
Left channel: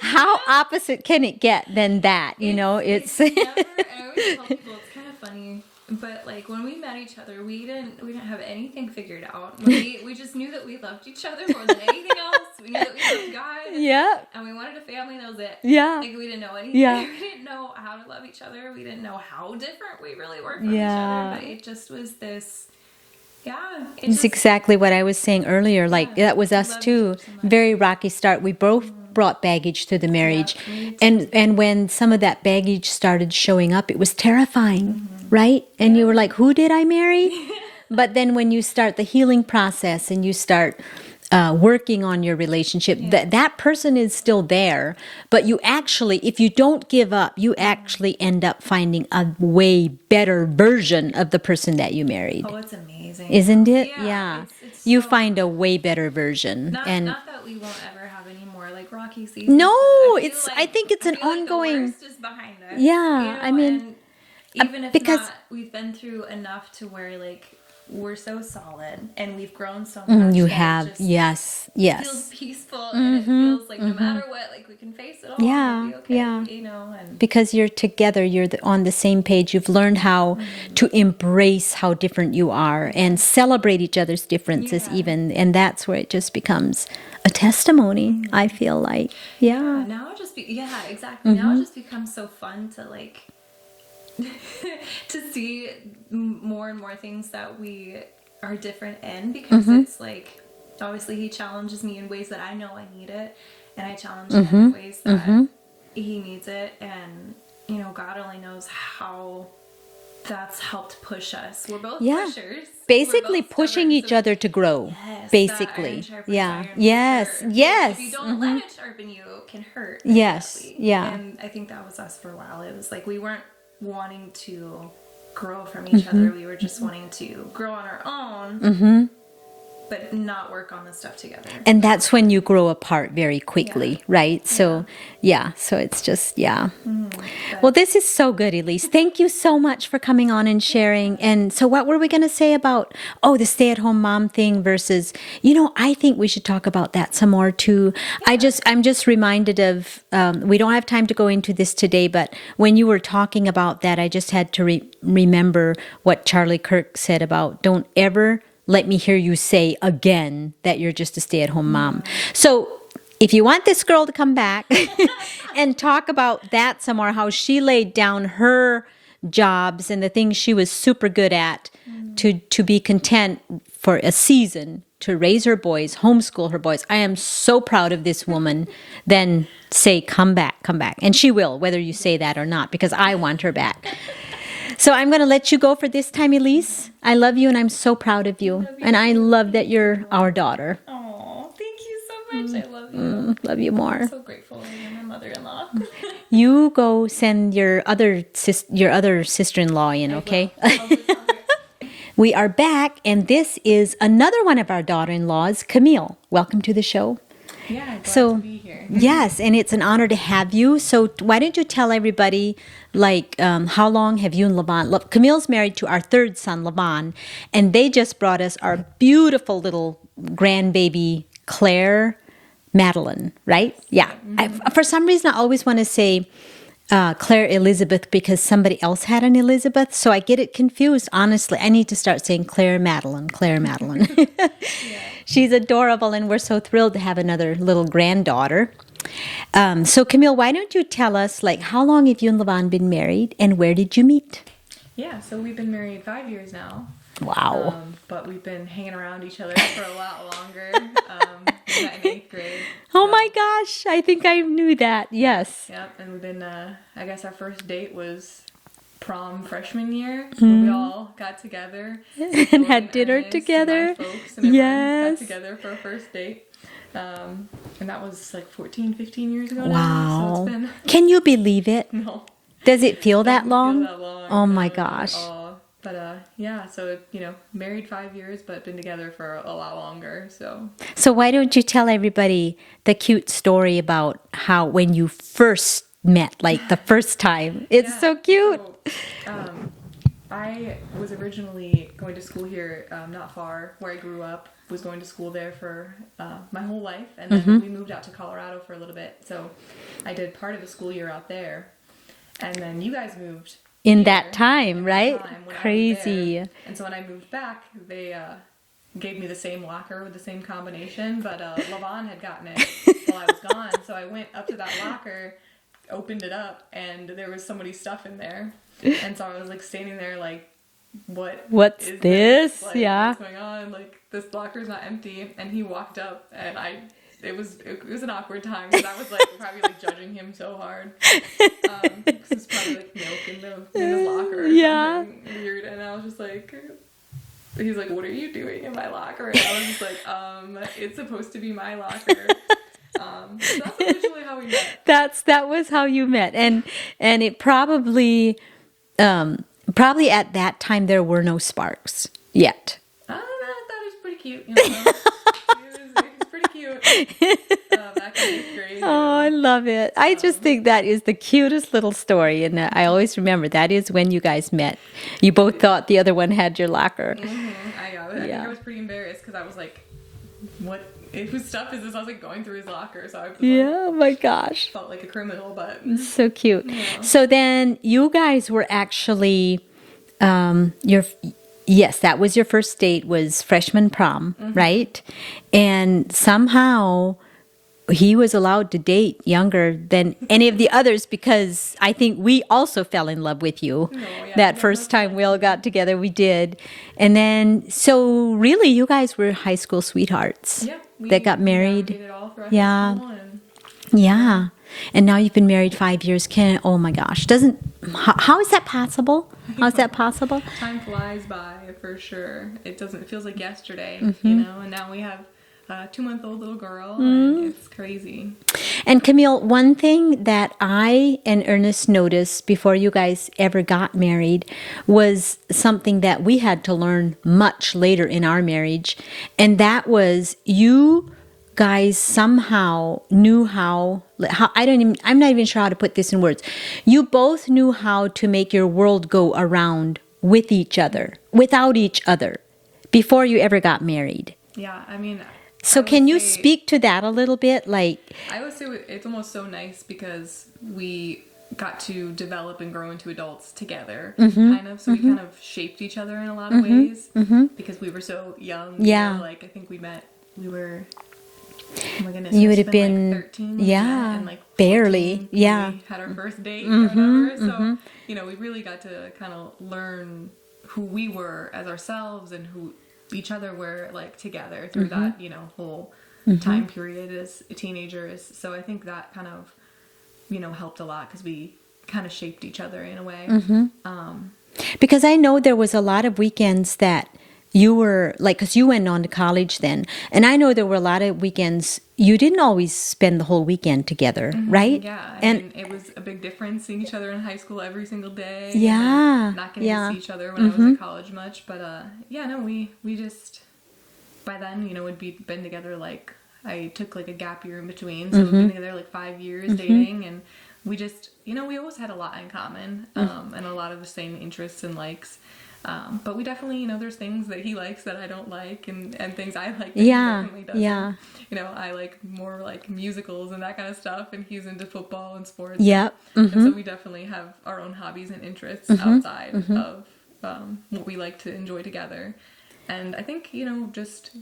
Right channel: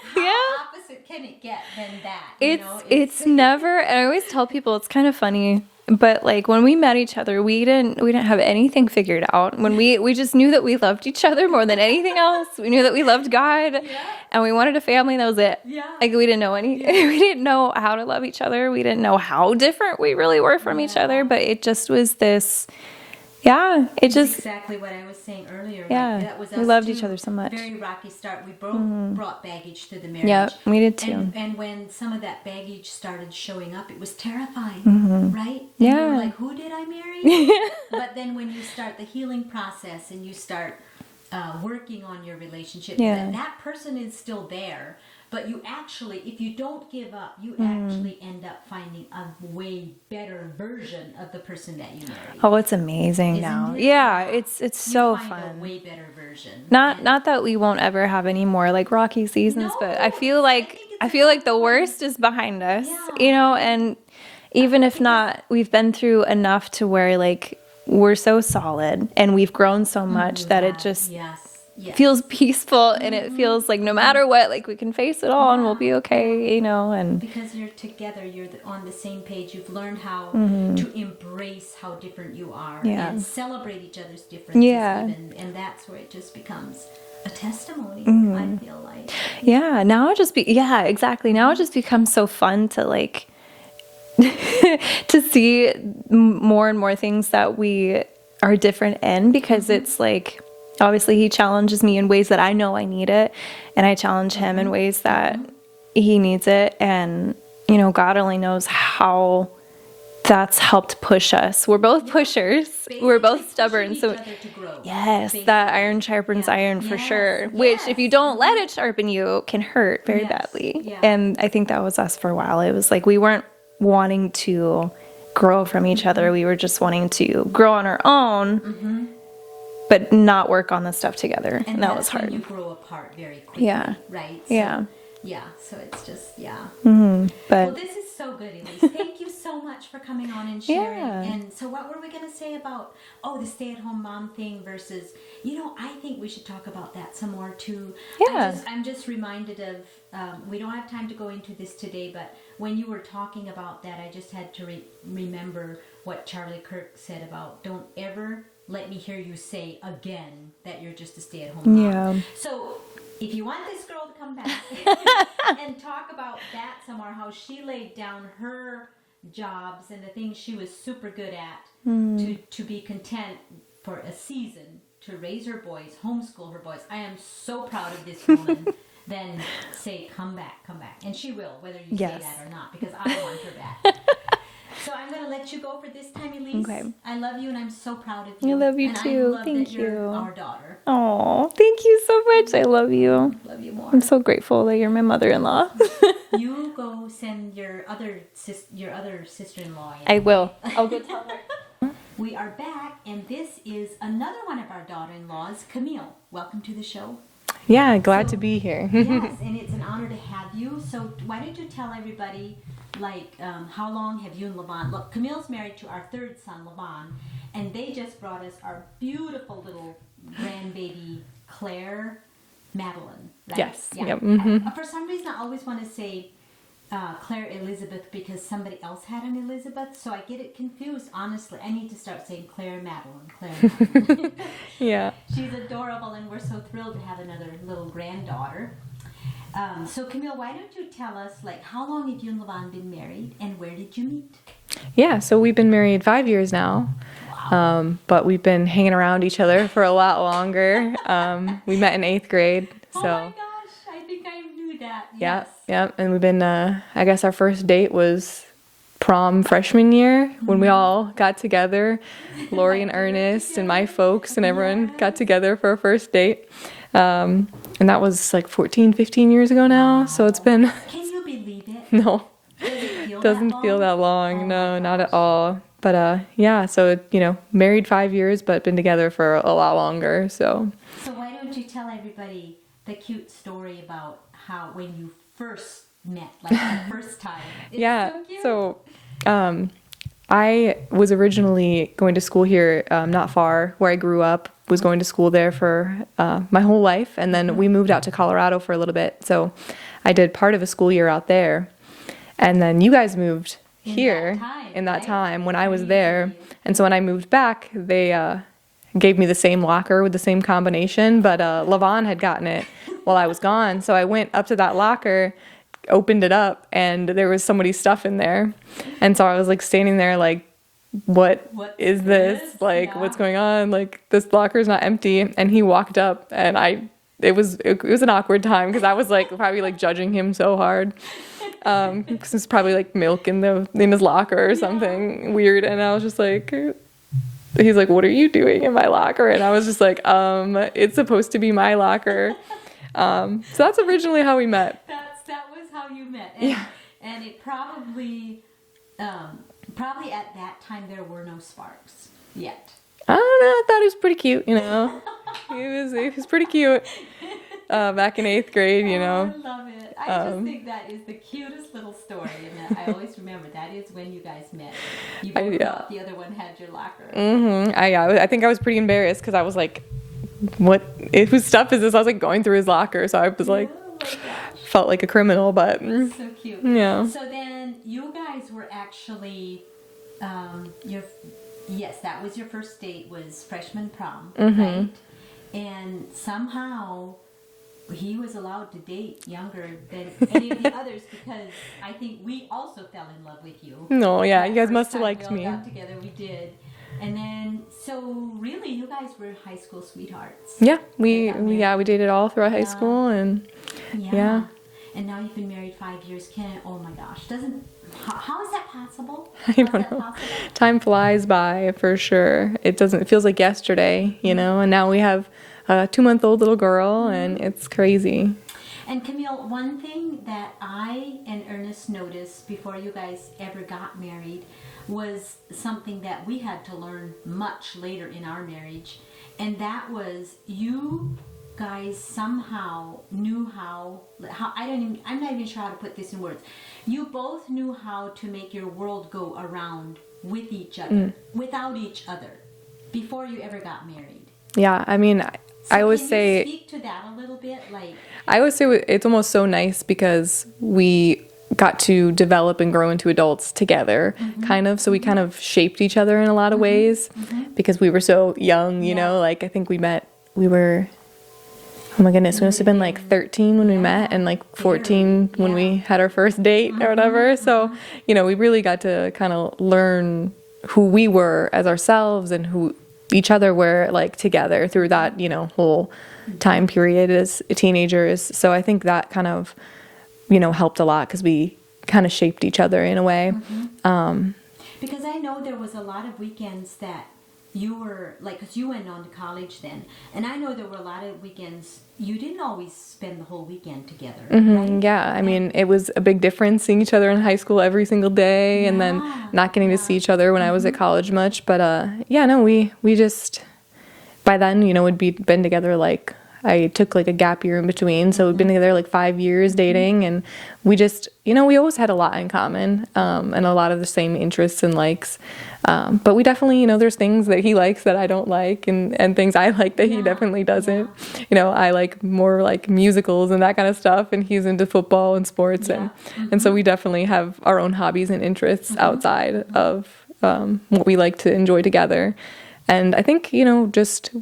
How opposite can it get than that? it's never. And I always tell people it's kind of funny, but like when we met each other, we didn't have anything figured out. When we just knew that we loved each other more than anything else. We knew that we loved God. Yeah. And we wanted a family, and that was it. Yeah. Like we didn't know anything. Yeah. We didn't know how to love each other. We didn't know how different we really were from each other. Yeah. But it just was this. Yeah, It's exactly what I was saying earlier. Like Yeah, that was we us loved each too. other so much. Very rocky start. We both brought baggage to the marriage. we did too. And when some of that baggage started showing up, it was terrifying, right? And we were Yeah. like, "Who did I marry?" But then when you start the healing process and you start working on your relationship, Yeah. that person is still there. But you actually, if you don't give up, you actually end up finding a way better version of the person that you married. Oh, it's amazing, Isn't now. it? Yeah, it's you so find a fun. way better version. Not And- not that we won't ever have any more like rocky seasons. No, but I feel it's- like I think it's I an feel like the ongoing- worst is behind us. Yeah, you know, I mean, and even if because- not, we've been through enough to where like we're so solid and we've grown so much you that have, it just yes. feels peaceful, and it feels like no matter what, like we can face it all and we'll be Yeah, okay. You know, and Because you're together, you're on the same page. You've learned how to embrace how different you are and celebrate each other's differences, Yeah. even. And that's where it just becoms a testimony, I feel like. yeah, now it just exactly. Now it just becomes so fun to like to see more and more things that we are different in, because it's like obviously he challenges me in ways that I know I need it, and I challenge him in ways that he needs it, and God only knows how that's helped push us. We're both Yeah. pushers. We're Basically both pushing stubborn, each so- other to grow. Yes, basically. that iron sharpens Yeah. iron Yes, for sure. yes. Which, if you don't let it sharpen you, can hurt very Yes, badly. yeah. And I think that was us for a while. It was like we weren't wanting to grow from each other. We were just wanting to grow on our own, but not work on the stuff together. And that that's was when hard. you grow apart very quickly, right? So, so it's just, But- Well, this is so good, Elise. Thank you so much for coming on and sharing. Yeah. And so what were we going to say about, the stay-at-home mom thing versus, I think we should talk about that some more too. Yeah. I'm just reminded of, we don't have time to go into this today, but when you were talking about that, I just had to remember what Charlie Kirk said about don't ever let me hear you say again that you're just a stay-at-home mom. Yeah. So if you want this girl to come back and talk about that some more, how she laid down her jobs and the things she was super good at to be content for a season, to raise her boys, homeschool her boys. I am so proud of this woman. Then say, come back. And she will, whether you say that or not, because I want her back. So I'm going to let you go for this time, Elise. Okay. I love you, and I'm so proud of you. I love you and I too. love that Thank you're you. our daughter. Oh, thank you so much. I love you. Love you more. I'm so grateful that you're my mother-in-law. You go send your other sister-in-law in. I Okay? will. I'll get on her. We are back, and this is another one of our daughter-in-laws, Camille. Welcome to the show. Yeah, glad to be here. Yes, and it's an honor to have you. So why don't you tell everybody, how long have you and Levon... Camille's married to our third son, Levon, and they just brought us our beautiful little grandbaby, Claire Madeline, right? Yes. Yeah. Yep. Mm-hmm. For some reason, I always want to say Claire Elizabeth because somebody else had an Elizabeth, so I get it confused. Honestly, I need to start saying Claire Madeline. Yeah. She's adorable, and we're so thrilled to have another little granddaughter. So Camille, why don't you tell us, how long have you and Levon been married, and where did you meet? Yeah, so we've been married 5 years now. Wow. But we've been hanging around each other for a lot longer. We met in 8th grade. Oh my gosh, I think I knew that. Yes. Yeah, and we've been, I guess our first date was prom freshman year when we all got together. Laurie and Ernest and my folks and everyone got together for our first date. And that was 14, 15 years ago now. Wow. So it's been... Can you believe it? No. Does it feel that long? Doesn't feel that long. Oh no, my gosh. Not at all. But so, married 5 years, but been together for a lot longer. So why don't you tell everybody the cute story about how when you first met, the first time? It's so cute. So, I was originally going to school here, not far where I grew up. Was going to school there for my whole life, and then we moved out to Colorado for a little bit. So I did part of a school year out there, and then you guys moved in here, that time, in right? that time when I was there. And so when I moved back, they gave me the same locker with the same combination, but Levon had gotten it while I was gone. So I went up to that locker, opened it up, and there was somebody's stuff in there. And so I was standing there what is this? What's going on? This locker's not empty. And he walked up, and it was an awkward time because I was probably judging him so hard. Because there's probably milk in his locker or something weird. And I was just he's like, "What are you doing in my locker?" And I was just it's supposed to be my locker. So that's originally how we met. That was how you met. And it probably at that time there were no sparks yet. I don't know. I thought he was pretty cute, he was pretty cute back in 8th grade, Oh, I love it. I just think that is the cutest little story. And I always remember that is when you guys met. You both thought the other one had your locker. Mm-hmm. I think I was pretty embarrassed because I was what? Whose stuff is this? I was going through his locker. So I was oh my gosh. Felt like a criminal, but. So cute. Yeah. So then you guys were actually, yes, that was your first date was freshman prom, right? And somehow he was allowed to date younger than any of the others because I think we also fell in love with you. No, yeah. That first time we all got together, we did. And then, so really you guys were high school sweethearts. Yeah. That got married. Yeah, we dated all throughout high school. And yeah. And now you've been married 5 years. Oh my gosh. How is that possible? How is that possible? Time flies by for sure. It feels like yesterday, and now we have a 2-month-old little girl and it's crazy. And Camille, one thing that I and Ernest noticed before you guys ever got married was something that we had to learn much later in our marriage. And that was you guys somehow knew how I'm not even sure how to put this in words. You both knew how to make your world go around with each other, without each other, before you ever got married. Yeah, I mean, so can you speak to that a little bit? I always say it's almost so nice because we got to develop and grow into adults together, kind of. So we kind of shaped each other in a lot of ways because we were so young, you know, I think we were, oh my goodness, we must have been 13 when we met and 14 when we had our first date or whatever. So, we really got to kind of learn who we were as ourselves and who each other were together through that, whole time period as teenagers. So I think that kind of, helped a lot because we kind of shaped each other in a way. Because I know there was a lot of weekends that you were like, because you went on to college then, and I know there were a lot of weekends you didn't always spend the whole weekend together, right? Yeah, I mean, it was a big difference seeing each other in high school every single day, and then not getting to see each other when I was at college much. But yeah, no, we just by then, you know, been together like. I took like a gap year in between, so we've been together like 5 years dating, and we just, you know, we always had a lot in common, and a lot of the same interests and likes. But we definitely, you know, there's things that he likes that I don't like, and things I like that he definitely doesn't. Yeah. You know, I like more like musicals and that kind of stuff, and he's into football and sports. Yeah. And so we definitely have our own hobbies and interests outside of what we like to enjoy together. And I think, you know, just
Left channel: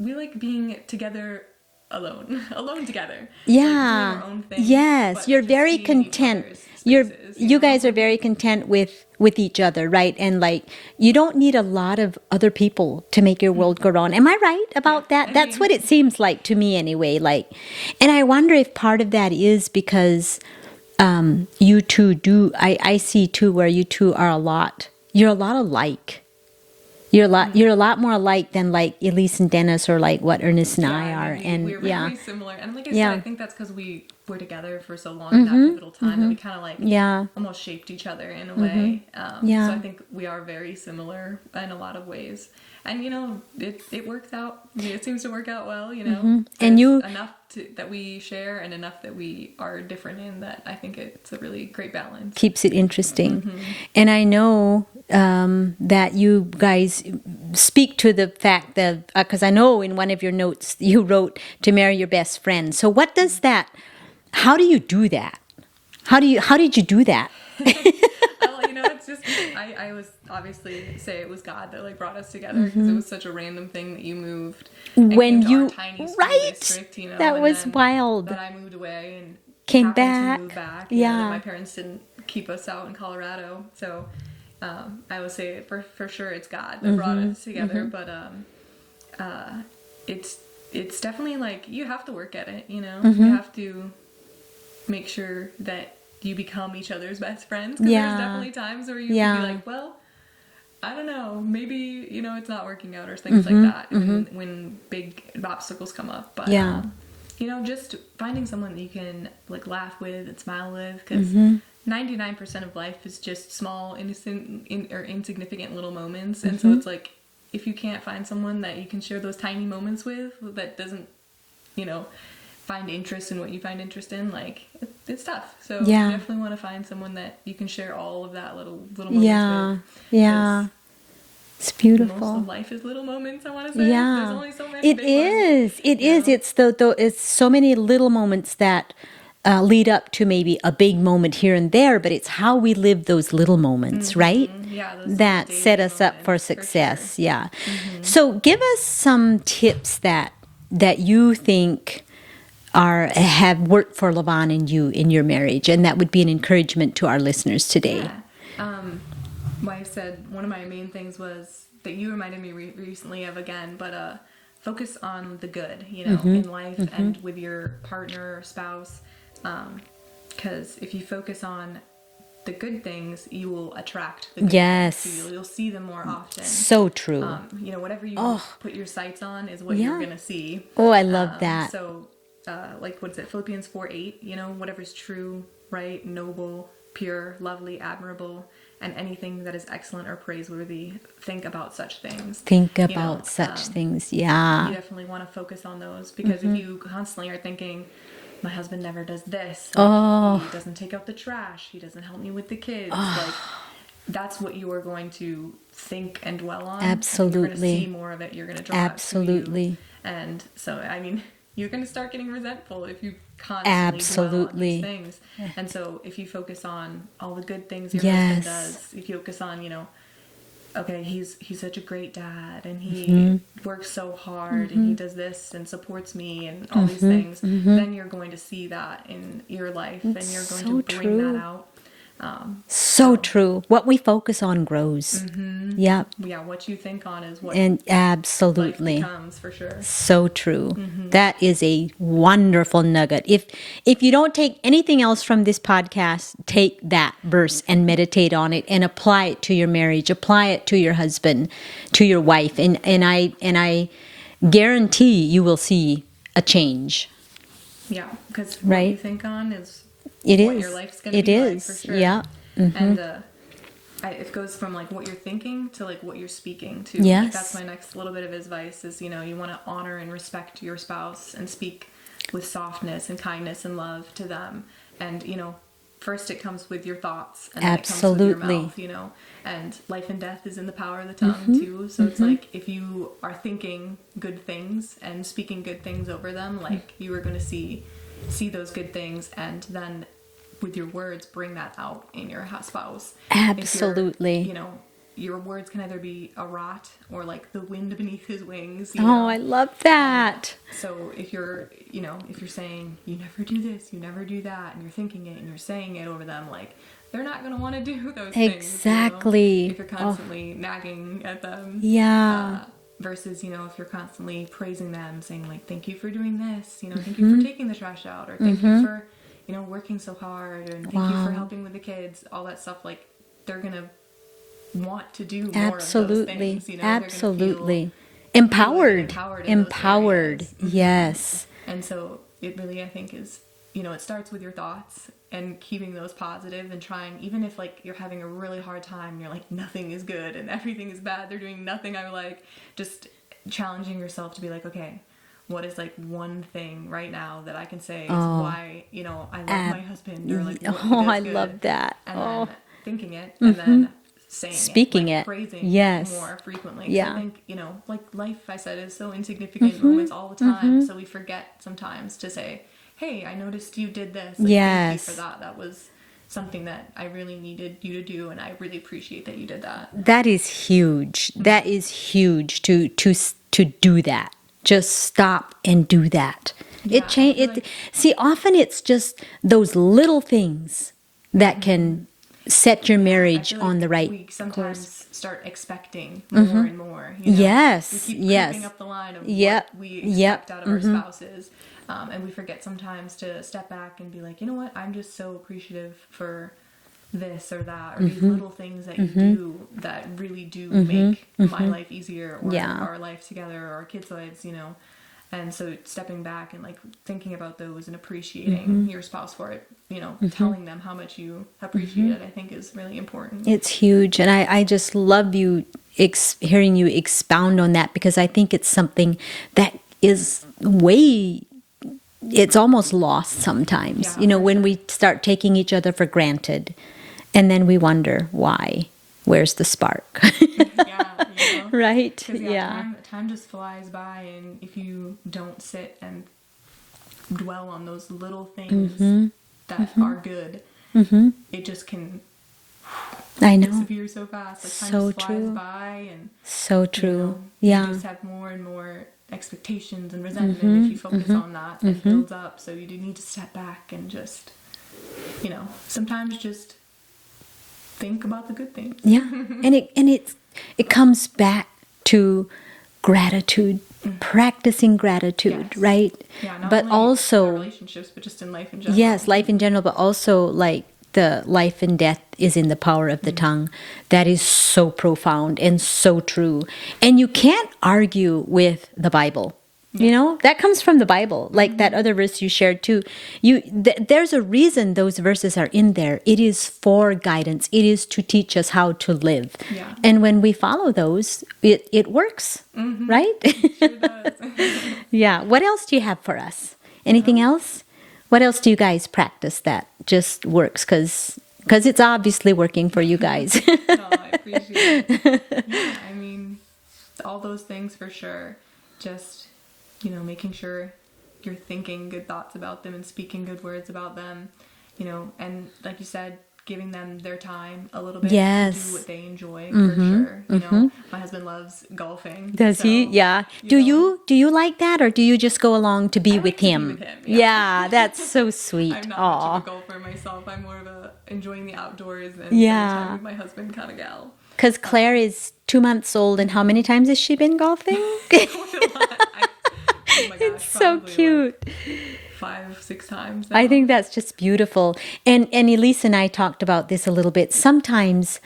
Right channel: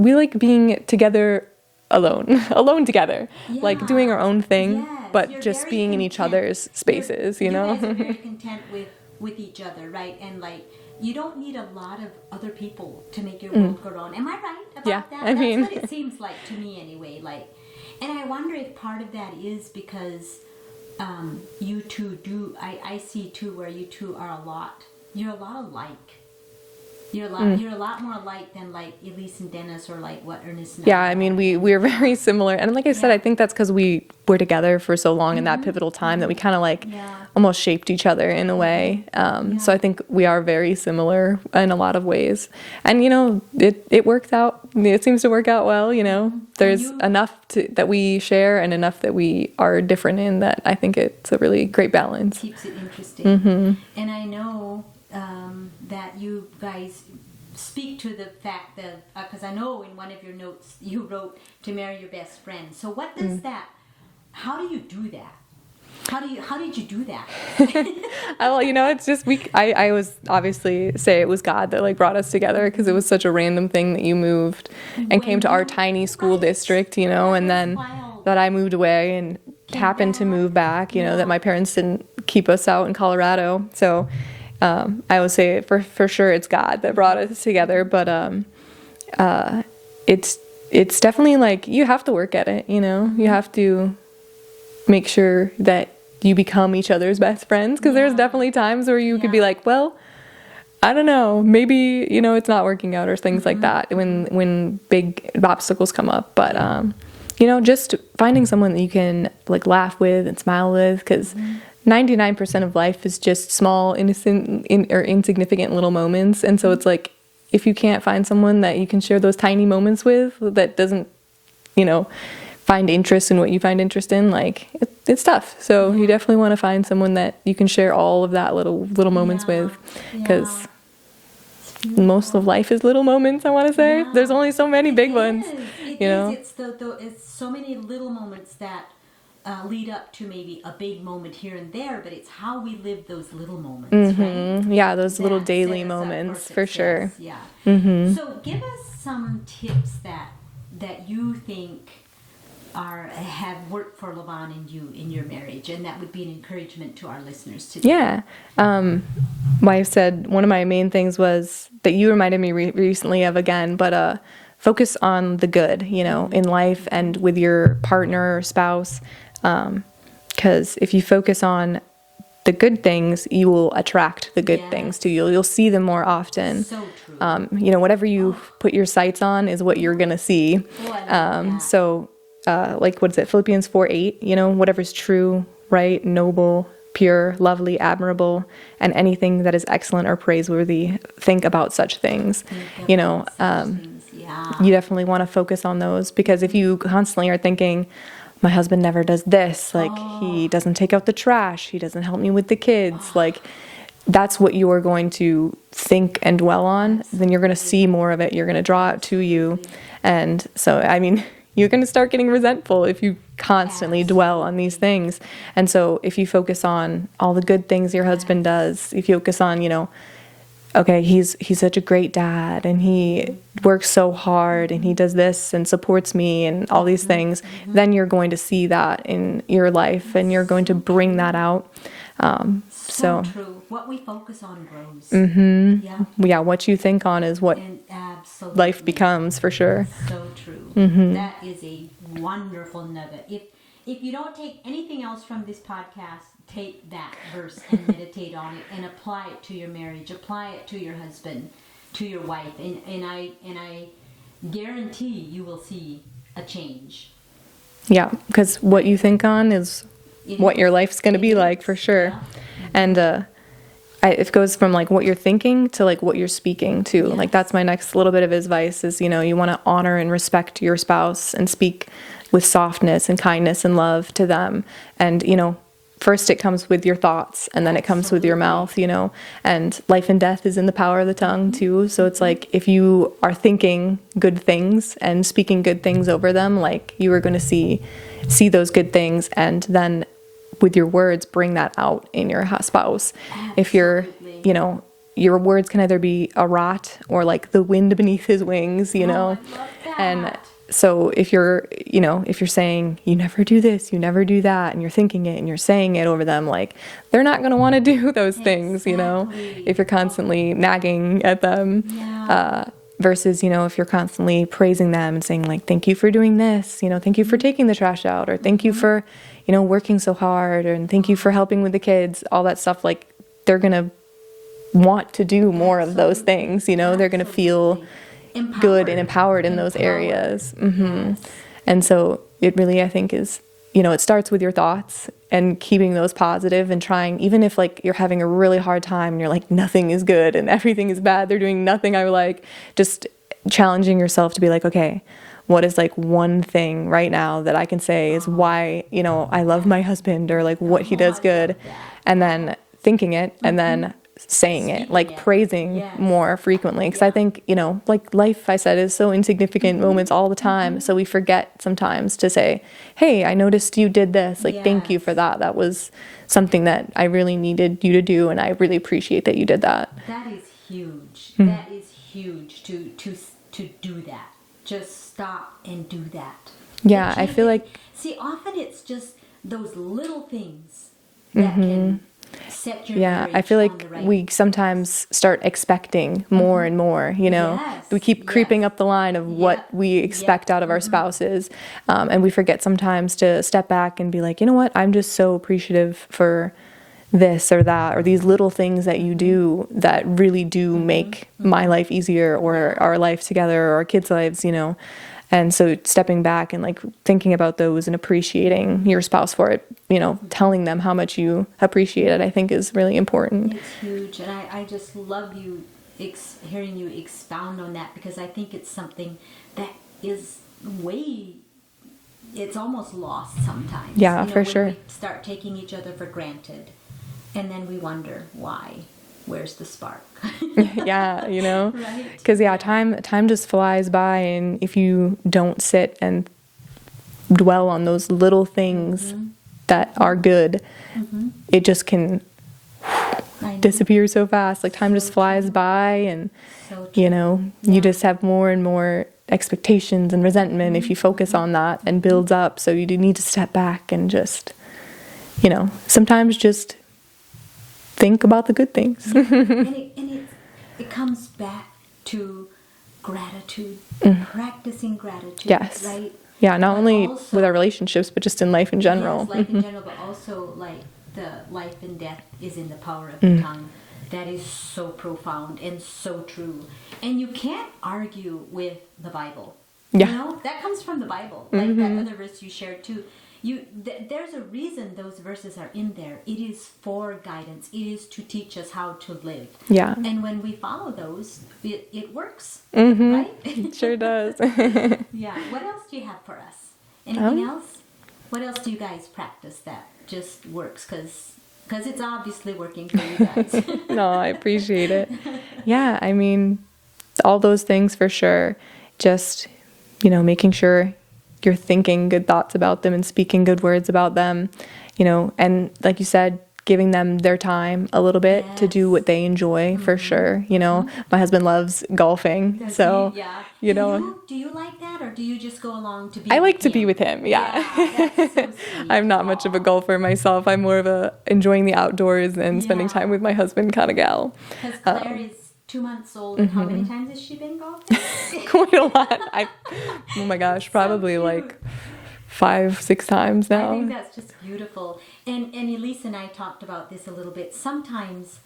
we like being together alone together. Yeah. Like doing our own thing. Yes. But you're just very being content in each other's spaces. You guys are very content with each other, right? And like, you don't need a lot of other people to make your world go round. Am I right about that? That's what it seems like to me anyway. Like, and I wonder if part of that is because you two I see too where you two are you're a lot alike. You're a lot more alike than like Elise and Dennis or like what Ernest and I are. Yeah, I mean, we're very similar. And like I said, I think that's because we were together for so long in that pivotal time that we kind of like almost shaped each other in a way. So I think we are very similar in a lot of ways. And, you know, it works out. It seems to work out well, you know. There's enough that we share and enough that we are different in that I think it's a really great balance. Keeps it interesting. And I know... that you guys speak to the fact that, because I know in one of your notes you wrote to marry your best friend. So what does that, how do you do that? How did you do that? Well, you know, it's just, I was obviously say it was God that like brought us together because it was such a random thing that you moved and came to our tiny school district, you know, that and was then wild. That I moved away and happened to move back, you know, that my parents didn't keep us out in Colorado. So, I would say for sure it's God that brought us together, but it's definitely like you have to work at it, you know. You have to make sure that you become each other's best friends because there's definitely times where you could be like, well, I don't know, maybe, you know, it's not working out or things like that when big obstacles come up, but you know, just finding someone that you can like laugh with and smile with because 99% of life is just small, innocent, or insignificant little moments. And so it's like, if you can't find someone that you can share those tiny moments with that doesn't, you know, find interest in what you find interest in, like, it's tough. So you definitely want to find someone that you can share all of that little moments with. Because it's beautiful. Most of life is little moments, I want to say. There's only so many big ones. It is. It's so many little moments that... lead up to maybe a big moment here and there, but it's how we live those little moments, right? Yeah, those that little daily set us moments, up for success. For sure. Yeah. So give us some tips that you think have worked for Lauanne and you in your marriage, and that would be an encouragement to our listeners today. Yeah. I said one of my main things was that you reminded me recently of again, but focus on the good, you know, in life and with your partner or spouse. Because if you focus on the good things, you will attract the good things to you. You'll see them more often. So true. You know, whatever you put your sights on is what you're going to see. Oh, I love that. So, like, what is it? Philippians 4:8, you know, whatever's true, right, noble, pure, lovely, admirable, and anything that is excellent or praiseworthy, think about such things. Think about such things, You definitely want to focus on those because if you constantly are thinking, my husband never does this, like he doesn't take out the trash, he doesn't help me with the kids, like that's what you are going to think and dwell on. Absolutely. And you're going to see more of it, you're going to draw it to you. And so, I mean, you're going to start getting resentful if you constantly dwell on these things. And so if you focus on all the good things your husband does, if you focus on, you know, okay, he's such a great dad and he works so hard and he does this and supports me and all these things, then you're going to see that in your life and you're going to bring that out. So true. What we focus on grows. Mm-hmm. Yeah. Yeah, what you think on is what And absolutely. life becomes, for sure. So true. That is a wonderful nugget. If you don't take anything else from this podcast, take that verse and meditate on it and apply it to your marriage, apply it to your husband, to your wife, and I guarantee you will see a change. Yeah, because what you think on is what your life's going to be like, for sure. Yeah. Mm-hmm. And it goes from like what you're thinking to like what you're speaking to. Yes. Like that's my next little bit of advice is, you know, you want to honor and respect your spouse and speak with softness and kindness and love to them. And, you know, first it comes with your thoughts and then it comes with your mouth, you know, and life and death is in the power of the tongue too. So it's like, if you are thinking good things and speaking good things over them, like you are going to see those good things, and then with your words bring that out in your spouse. Absolutely. If you're, you know, your words can either be a rot or like the wind beneath his wings, you know. Oh, I love that. And so if you're, you know, if you're saying you never do this, you never do that, and you're thinking it and you're saying it over them, like they're not going to want to do those things, you know, if you're constantly nagging at them. Yeah. Versus, you know, if you're constantly praising them and saying like, thank you for doing this, you know, thank you for taking the trash out, or thank you for, you know, working so hard, and thank you for helping with the kids, all that stuff. Like they're going to want to do more of those things, you know. They're going to feel empowered good and empowered in those areas. Yes. And so it really, I think, is, you know, it starts with your thoughts and keeping those positive and trying, even if like you're having a really hard time and you're like, nothing is good and everything is bad, they're doing nothing I like, just challenging yourself to be like, okay, what is like one thing right now that I can say is why, you know, I love my husband, or like what he does good. I love that. And then thinking it, and then saying it, like praising more frequently. Because I think, you know, like life, I said, is so insignificant moments all the time. So we forget sometimes to say, hey, I noticed you did this. Like, thank you for that. That was something that I really needed you to do, and I really appreciate that you did that. That is huge. That is huge to do that. Just stop and do that. Yeah, I feel like... See, often it's just those little things that can set your marriage I feel like on the right we sometimes start expecting more and more, you know. Yes. We keep creeping up the line of what we expect out of our spouses, and we forget sometimes to step back and be like, you know what, I'm just so appreciative for this or that, or these little things that you do that really do make my life easier, or our life together, or our kids' lives, you know. And so stepping back and like thinking about those and appreciating your spouse for it, you know, telling them how much you appreciate it, I think is really important. It's huge. And I just love you hearing you expound on that, because I think it's something that is it's almost lost sometimes. Yeah, you know, for when sure. we start taking each other for granted, and then we wonder why. Where's the spark? Yeah, you know, right? Because time just flies by, and if you don't sit and dwell on those little things that are good, it just can disappear so fast. Like time just flies by, and so true. You know, you just have more and more expectations and resentment if you focus on that, and builds up. So you do need to step back and just, you know, sometimes just think about the good things. And it comes back to gratitude, practicing gratitude, right? Yeah, not but only also with our relationships, but just in life in general. Yes, life in general, but also like the life and death is in the power of the tongue. That is so profound and so true. And you can't argue with the Bible. Yeah. You know, that comes from the Bible, like that other verse you shared too. There's a reason those verses are in there. It is for guidance. It is to teach us how to live. Yeah. And when we follow those, it works, right? It sure does. Yeah. What else do you have for us? Anything else? What else do you guys practice that just works? Because it's obviously working for you guys. No, I appreciate it. Yeah, I mean, all those things for sure. Just, you know, making sure you're thinking good thoughts about them and speaking good words about them, you know, and like you said, giving them their time a little bit to do what they enjoy for sure. You know, my husband loves golfing. Does so, he? Yeah. Do you like that, or do you just go along to be I with like him? to be with him. Yeah, that's so sweet. I'm not much of a golfer myself. I'm more of a enjoying the outdoors and spending time with my husband kind of gal. Because Claire is 2 months old, and how many times has she been golfing? Quite a lot. Oh my gosh, probably like 5-6 times now. I think that's just beautiful. And Elise and I talked about this a little bit. Sometimes,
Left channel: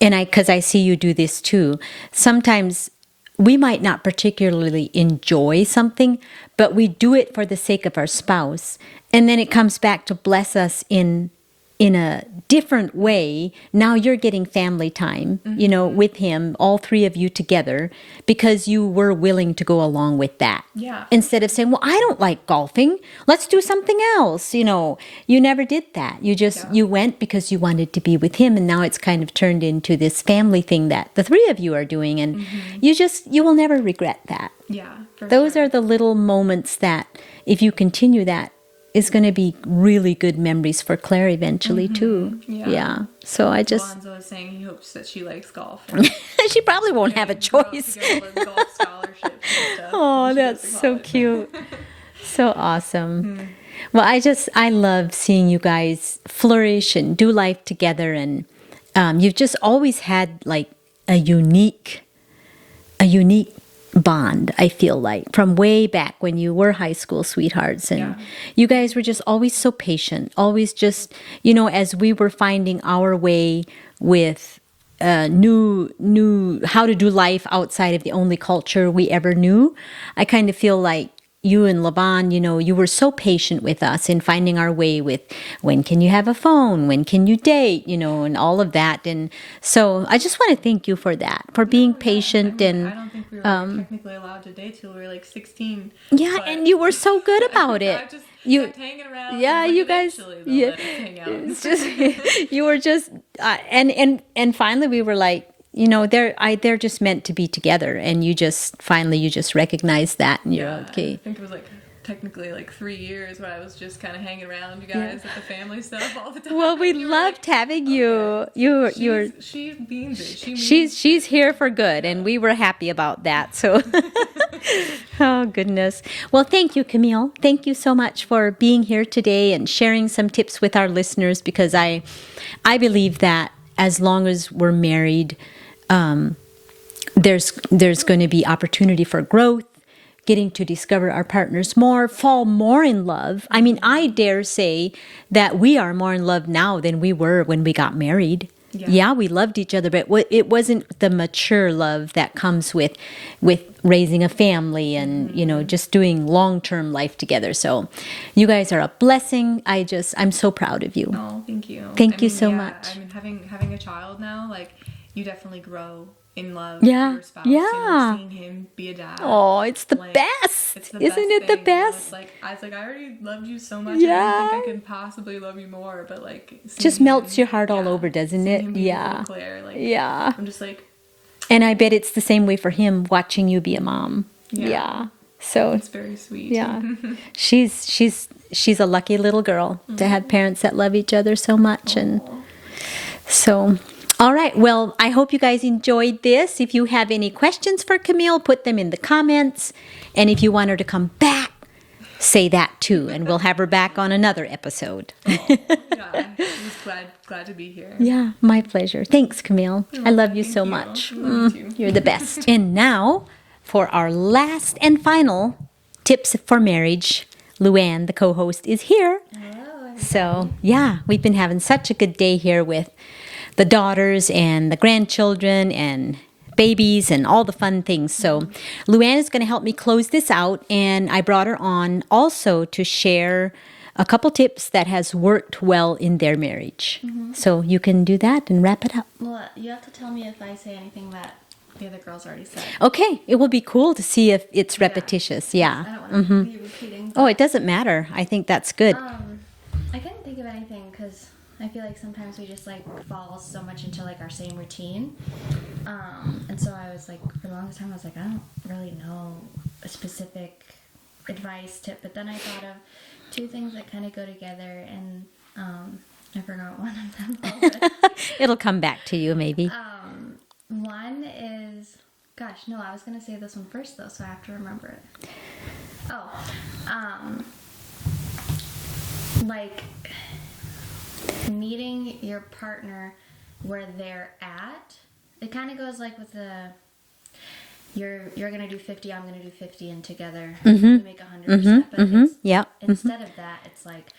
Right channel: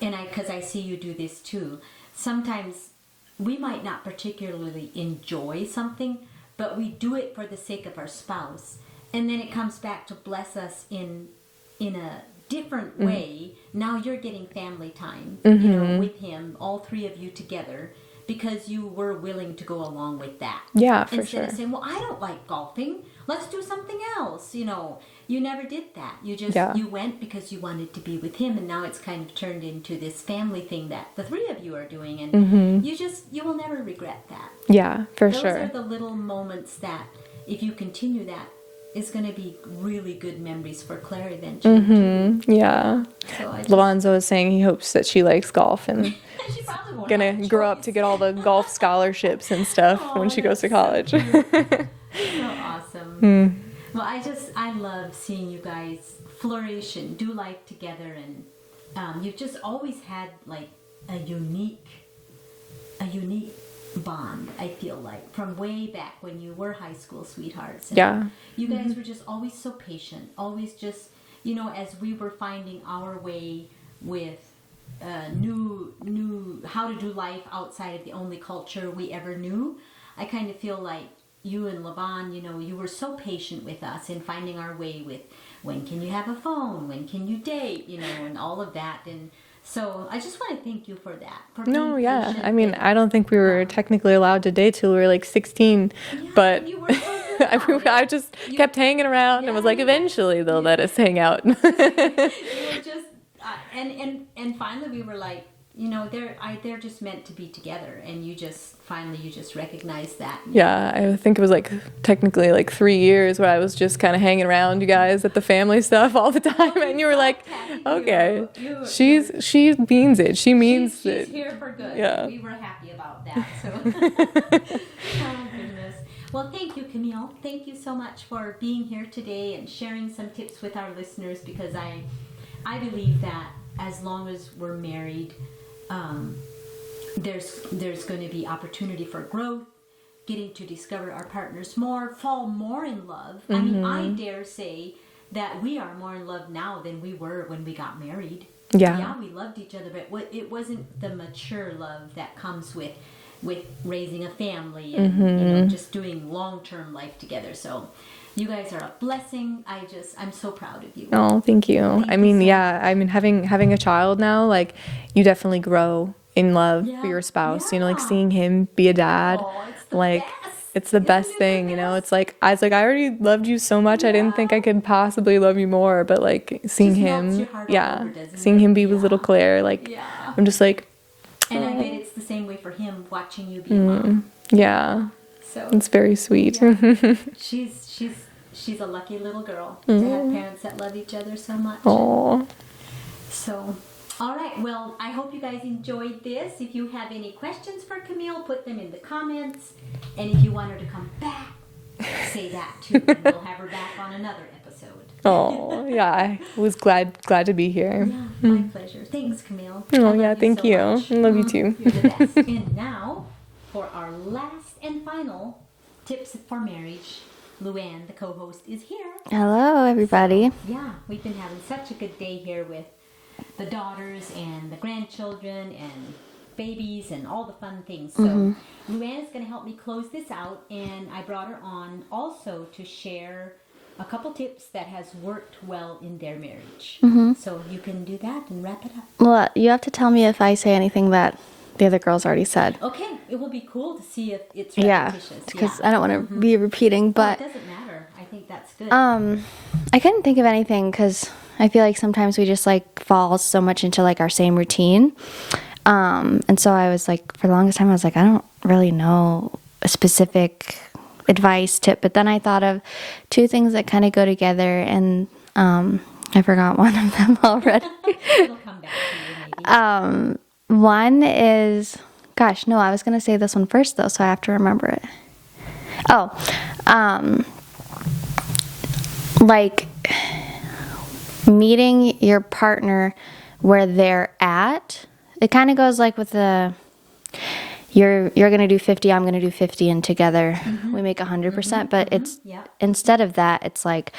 because I see you do this too, sometimes we might not particularly enjoy something, but we do it for the sake of our spouse. And then it comes back to bless us in a different way. Now you're getting family time, you know, with him, all three of you together, because you were willing to go along with that. Yeah. Instead of saying, well, I don't like golfing, let's do something else. You know, you never did that. You just, you went because you wanted to be with him. And now it's kind of turned into this family thing that the three of you are doing. And you will never regret that. Yeah, for sure. Those are the little moments that if you continue that, is going to be really good memories for Claire eventually too. Yeah. So I just Lonzo is saying he hopes that she likes golf and she probably won't have a choice. grow up to get all the golf scholarships and stuff when she goes to college. So cute. So awesome. Well, I love seeing you guys flourish and do life together, and you've just always had like a unique bond, I feel like, from way back when you were high school sweethearts. And you guys were just always so patient, always just, you know, as we were finding our way with new how to do life outside of the only culture we ever knew. I kind of feel like you and Laban, you know, you were so patient with us in finding our way with when can you have a phone, when can you date, you know, and all of that. And so I just want to thank you for that, for being patient. I mean, I don't think we were technically allowed to date till we were like 16. Yeah, but and you were so good about it. I just kept hanging around. And was like, eventually they'll let us hang out. You were just, and finally we were like, you know, they're just meant to be together, and you just recognized that. And I think it was like technically like 3 years where I was just kind of hanging around you guys at the family stuff all the time. Well, we and you were loved like, having okay. you. She means it. She means she's here for good, and we were happy about that. So, oh goodness. Well, thank you, Camille. Thank you so much for being here today and sharing some tips with our listeners, because I believe that as long as we're married, there's going to be opportunity for growth, getting to discover our partners more, fall more in love. I mean, I dare say that we are more in love now than we were when we got married. Yeah, we loved each other, but it wasn't the mature love that comes with raising a family and, you know, just doing long-term life together. So you guys are a blessing. I'm so proud of you. Oh, thank you. Thank you so much. I mean, having a child now, like, you definitely grow in love for your spouse. You know, like seeing him be a dad. Oh, it's the like, best. It's the best thing. You know, it's like I already loved you so much. I didn't think I could possibly love you more. But like, seeing just him, melts your heart all over, doesn't it? Seeing him be with little Claire, like, I'm just like, and I bet it's the same way for him watching you be a mom. Yeah. So it's very sweet. Yeah. she's a lucky little girl to have parents that love each other so much. And so. All right. Well, I hope you guys enjoyed this. If you have any questions for Camille, put them in the comments. And if you want her to come back, say that too. And we'll have her back on another episode. Oh, yeah. I was glad to be here. Yeah, my pleasure. Thanks, Camille. I love you so much. I love you too. You're the best. And now, for our last and final tips for marriage, Luanne, the co-host, is here. Hello, everybody. So, we've been having such a good day here with the daughters and the grandchildren and babies and all the fun things. So Luanne is going to help me close this out, and I brought her on also to share a couple tips that has worked well in their marriage. So you can do that and wrap it up. Well, you have to tell me if I say anything that the other girls already said. Okay. It will be cool to see if it's repetitious. Yeah. I don't want to be repeating. But it doesn't matter. I think that's good. I couldn't think of anything because I feel like sometimes we just like fall so much into like our same routine. And so I was like, for the longest time, I was like, I don't really know a specific advice tip. But then I thought of two things that kind of go together. And I forgot one of them already. It'll come back to you maybe. One is, gosh, no, I was going to say this one first though, so I have to remember it. Oh, like meeting your partner where they're at. It kind of goes like with the, you're going to do 50, I'm going to do 50, and together we make 100%. But it's, instead of that, it's like,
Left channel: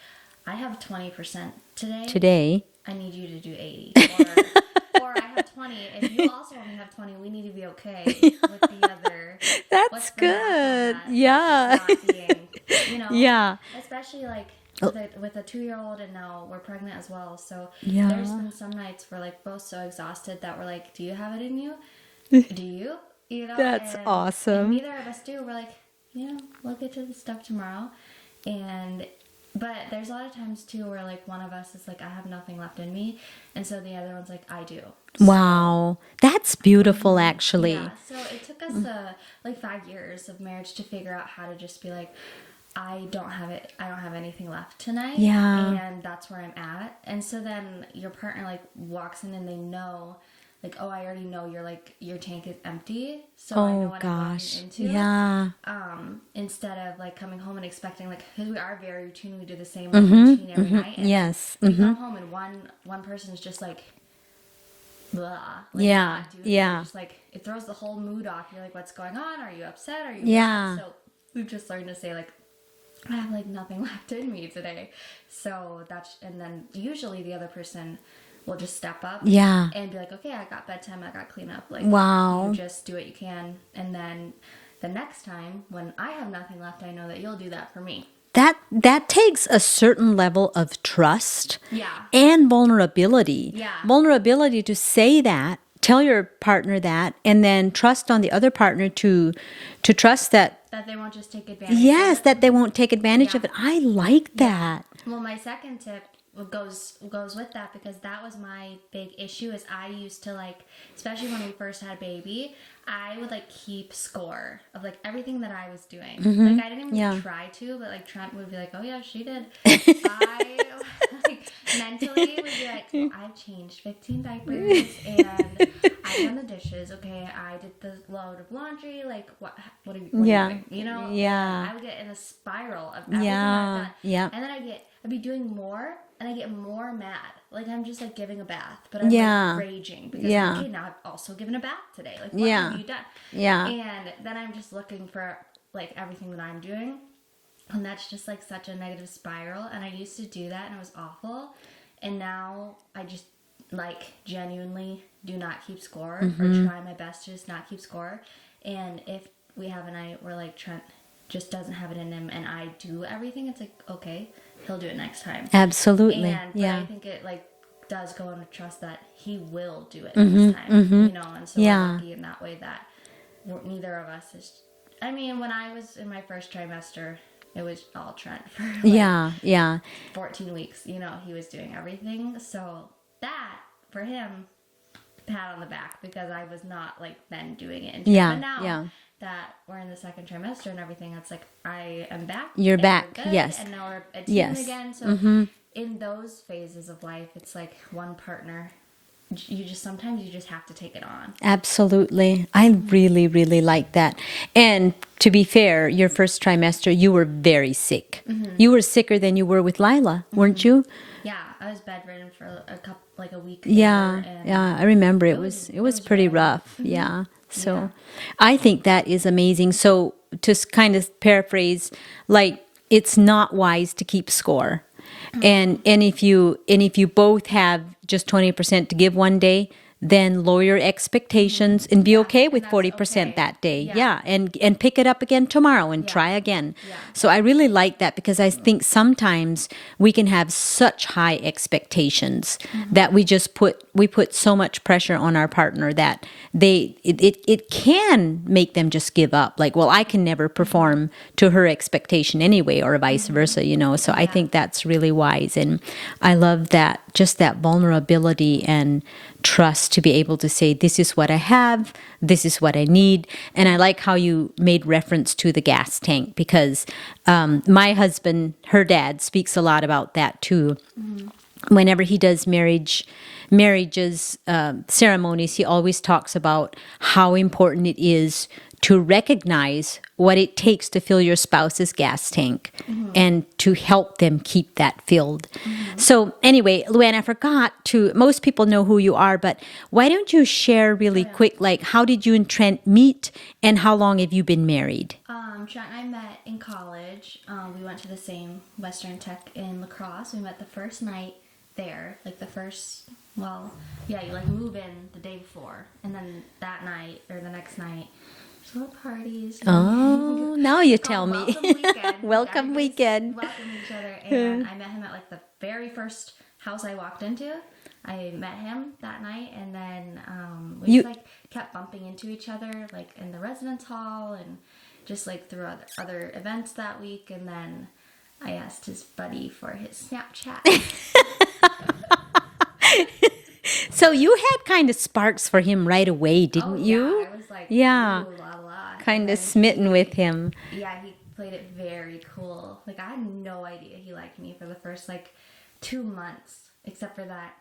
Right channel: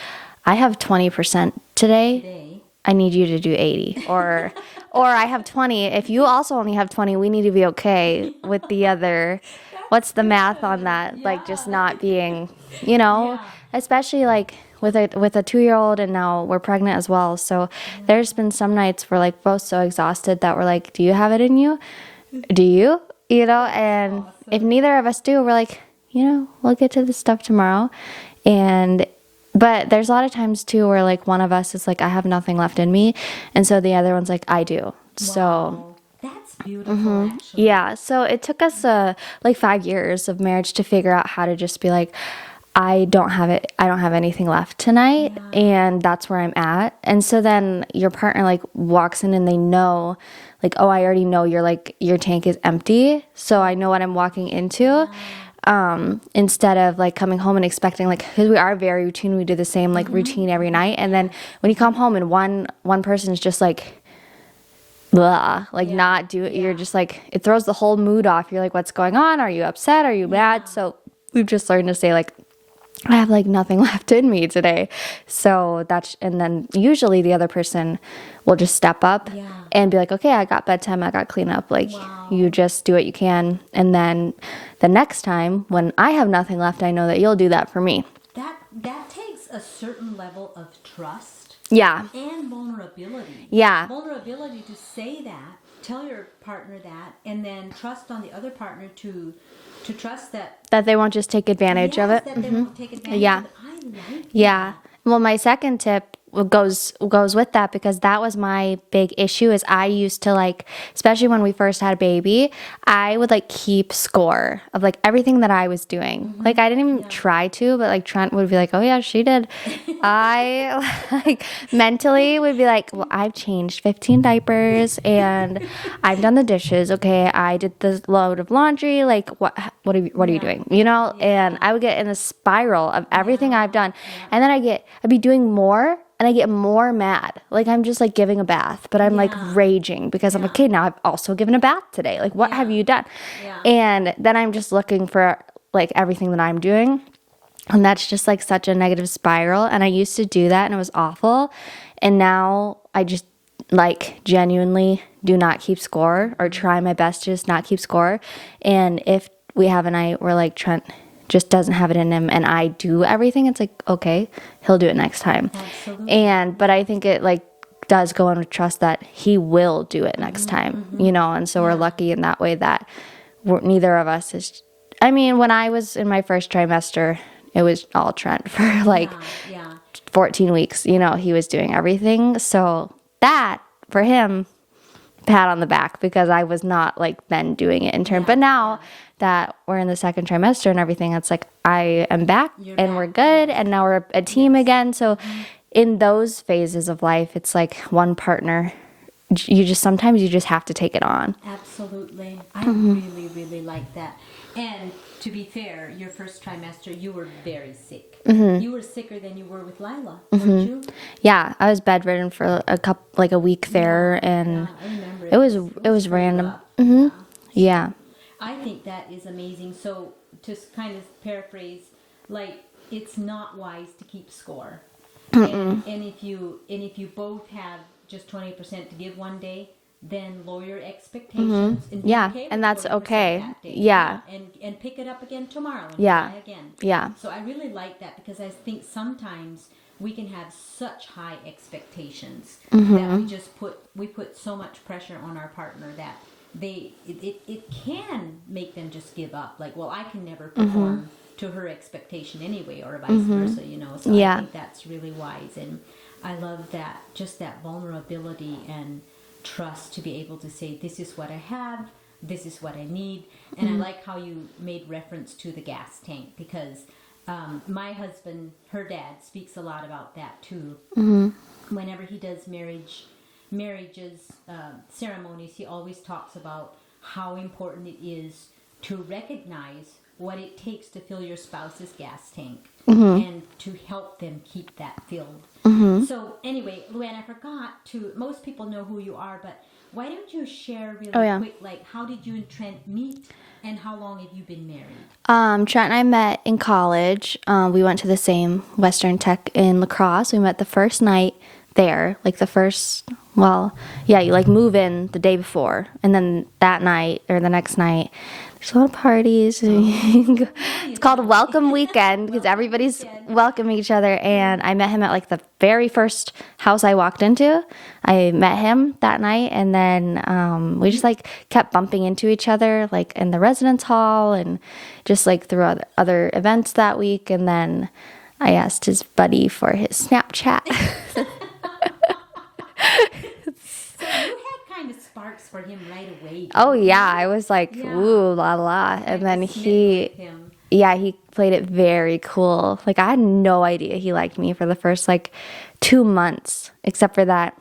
I have 20% today. I need you to do 80. Or I have 20. If you also only have 20, we need to be okay with the other. What's the math on that? Yeah. Like just not being, you know? Yeah. Especially like with a 2-year-old, and now we're pregnant as well. So there's been some nights we're like both so exhausted that we're like, do you have it in you? Do you? You know? That's and awesome. if neither of us do, we're like, you know, we'll get to this stuff tomorrow. But there's a lot of times too where like one of us is like, I have nothing left in me, and so the other one's like, I do. Wow. That's beautiful, actually. Yeah. So it took us like 5 years of marriage to figure out how to just be like, I don't have it. I don't have anything left tonight. Yeah. And that's where I'm at. And so then your partner like walks in and they know like, oh, I already know your tank is empty. So I know what I'm walking into. Yeah. Instead of like coming home and expecting like, because we are very routine. We do the same like routine every night. And then when you come home and one person is just like, blah, like not do it. You're just like, it throws the whole mood off. You're like, what's going on? Are you upset? Are you mad? So we've just learned to say like, I have like nothing left in me today. So and then usually the other person will just step up and be like, okay, I got bedtime, I got cleanup. Like, you just do what you can. And then the next time when I have nothing left, I know that you'll do that for me. That takes a certain level of trust. Yeah. And vulnerability. Yeah. Vulnerability to say that, tell your partner that, and then trust on the other partner to trust that they won't just take advantage of it. Yes, that they won't take advantage of it. I like that. Yeah. Well, my second tip goes with that, because that was my big issue. Is I used to like, especially when we first had a baby, I would like keep score of like everything that I was doing. Like I didn't even try to, but like Trent would be like, oh yeah, she did. I like mentally would be like, well, I've changed 15 diapers and I've done the dishes. Okay, I did the load of laundry. Like what are you doing? You know? And I would get in a spiral of everything I've done. Yeah. And then I'd be doing more. And I get more mad. Like I'm just like giving a bath, but I'm like raging because I'm like, okay, now I've also given a bath today. Like what have you done? Yeah. And then I'm just looking for like everything that I'm doing. And that's just like such a negative spiral. And I used to do that and it was awful. And now I just like genuinely do not keep score or try my best to just not keep score. And if we have a night where like Trent just doesn't have it in him and I do everything, it's like, okay, he'll do it next time. Absolutely. But I think it like does go on with trust that he will do it next time, you know? And so we're lucky in that way that neither of us is, I mean, when I was in my first trimester, it was all Trent for like 14 weeks, you know, he was doing everything. So that for him, pat on the back, because I was not like then doing it in turn. But now that we're in the second trimester and everything, it's like I am back. You're and back. We're good. And now we're a team again. So in those phases of life, it's like one partner. Sometimes you just have to take it on. Absolutely. I really, really like that. And to be fair, your first trimester, you were very sick. You were sicker than you were with Lila, weren't you? Yeah, I was bedridden for a week there. And I remember it was pretty random. rough. Yeah. So I think that is amazing. So to kind of paraphrase, like it's not wise to keep score. And if you both have just 20% to give one day, then lower your expectations and be okay with 40% that day. Yeah. And pick it up again tomorrow and try again. Yeah. So I really like that, because I think sometimes we can have such high expectations that we put so much pressure on our partner that it can make them just give up. Like, well, I can never perform to her expectation anyway, or vice versa, you know. So I think that's really wise. And I love that, just that vulnerability and trust to be able to say, this is what I have, this is what I need. And I like how you made reference to the gas tank, because my husband, her dad, speaks a lot about that too. whenever he does marriages ceremonies, he always talks about how important it is to recognize what it takes to fill your spouse's gas tank and to help them keep that filled. So anyway, Luanne, I forgot to, most people know who you are, but why don't you share really quick, like how did you and Trent meet and how long have you been married? Trent and I met in college. We went to the same Western Tech in La Crosse. We met the first night there, like the first, well, yeah, you like move in the day before, and then that night or the next night, there's a lot of parties. Now you It's called Welcome Weekend because Welcome everybody's Weekend. welcoming each other. And I met him at like the very first house I walked into. I met him that night, and then we just like kept bumping into each other like in the residence hall and just like through other events that week. And then I asked his buddy for his Snapchat. So you had kind of sparks for him right away, didn't you? Oh yeah, I was like, Yeah. ooh la la, Kind of smitten with him. Yeah, he played it very cool. Like I had no idea he liked me for the first like 2 months, except for that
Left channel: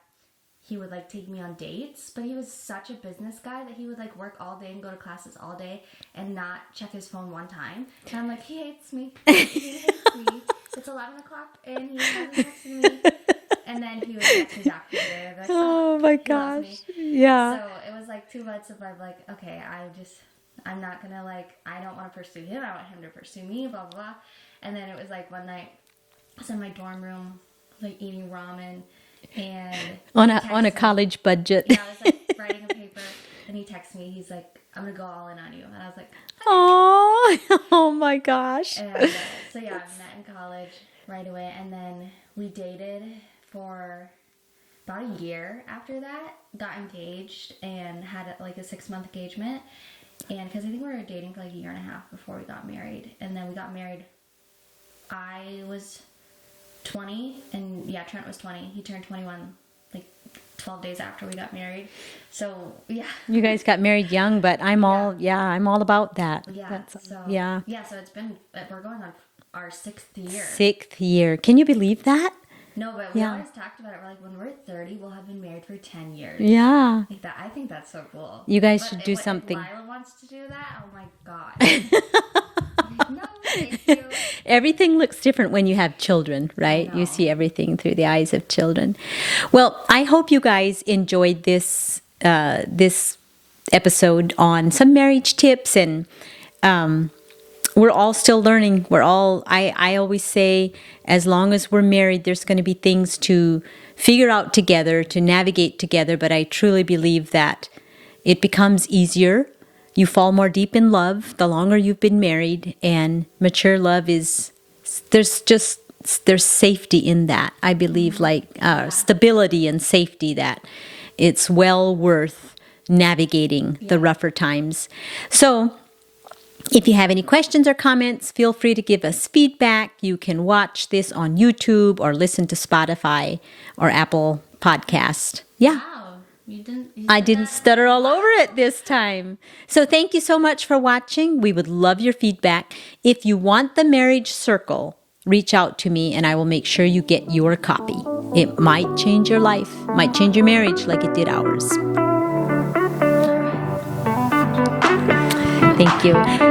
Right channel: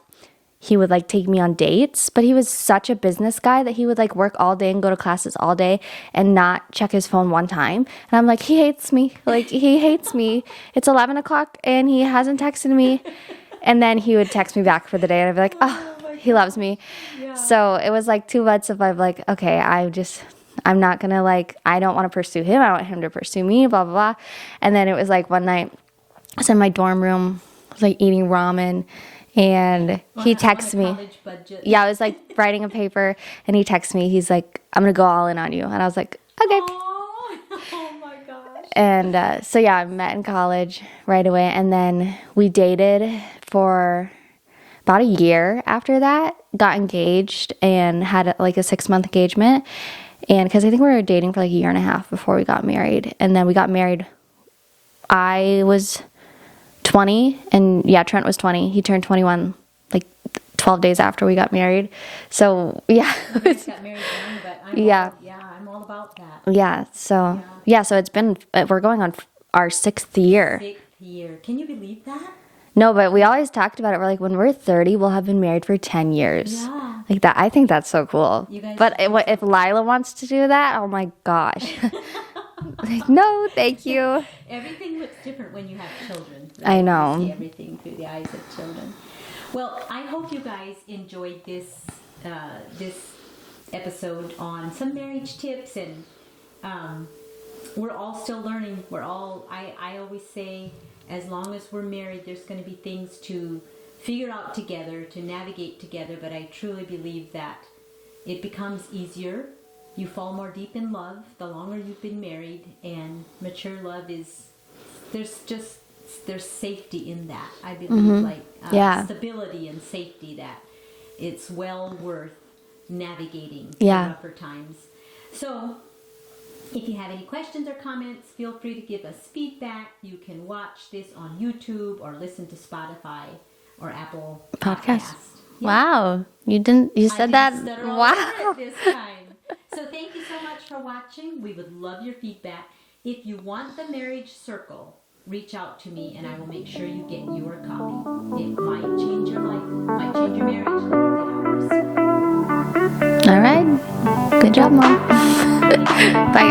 he would like take me on dates, but he was such a business guy that he would like work all day and go to classes all day and not check his phone one time. And I'm like, he hates me. Like he hates me. It's 11 o'clock and he hasn't texted me. And then he would text me back for the day and I'd be like, oh my he loves me. Yeah. So it was like 2 months of I'm like, okay, I'm not gonna like, I don't want to pursue him. I want him to pursue me, blah, blah, blah. And then it was like one night I was in my dorm room, I was like eating ramen, and he texted me. On a college budget. Yeah, I was like writing a paper, and he texts me. He's like, I'm going to go all in on you. And I was like, okay. Aww. Oh my gosh. And so, yeah, I met in college right away. And then we dated for about a year after that, got engaged, and had like a 6-month engagement. And because I think we were dating for like a year and a half before we got married. And then we got married. I was 20, and yeah, Trent was 20. He turned 21 like 12 days after we got married. So yeah, You guys got married young, but I'm all about that. yeah. So yeah. So it's been, we're going on our 6th year. 6th year. Can you believe that? No, but we always talked about it. We're like, when we're 30, we'll have been married for 10 years. Yeah. Like that. I think that's so cool. You guys But should do if something. Lila wants to do that, oh my gosh. Like, no, thank you. Everything looks different when you have children, right? I know. You see everything through the eyes of children. Well, I hope you guys enjoyed this this episode on some marriage tips, and we're all still learning. I always say, as long as we're married, there's going to be things to figure out together, to navigate together, but I truly believe that it becomes easier. You fall more deep in love the longer you've been married, and mature love there's safety in that. I believe stability and safety, that it's well worth navigating the rougher times. So if you have any questions or comments, feel free to give us feedback. You can watch this on YouTube or listen to Spotify or Apple Podcast. Yeah. Wow. You said I didn't that. stutter all Wow. over it this time. So thank you so much for watching. We would love your feedback. If you want the Marriage Circle, reach out to me and I will make sure you get your copy. It might change your life, might change your marriage like it did ours. All right. Good job, Mom. Thank you. Bye,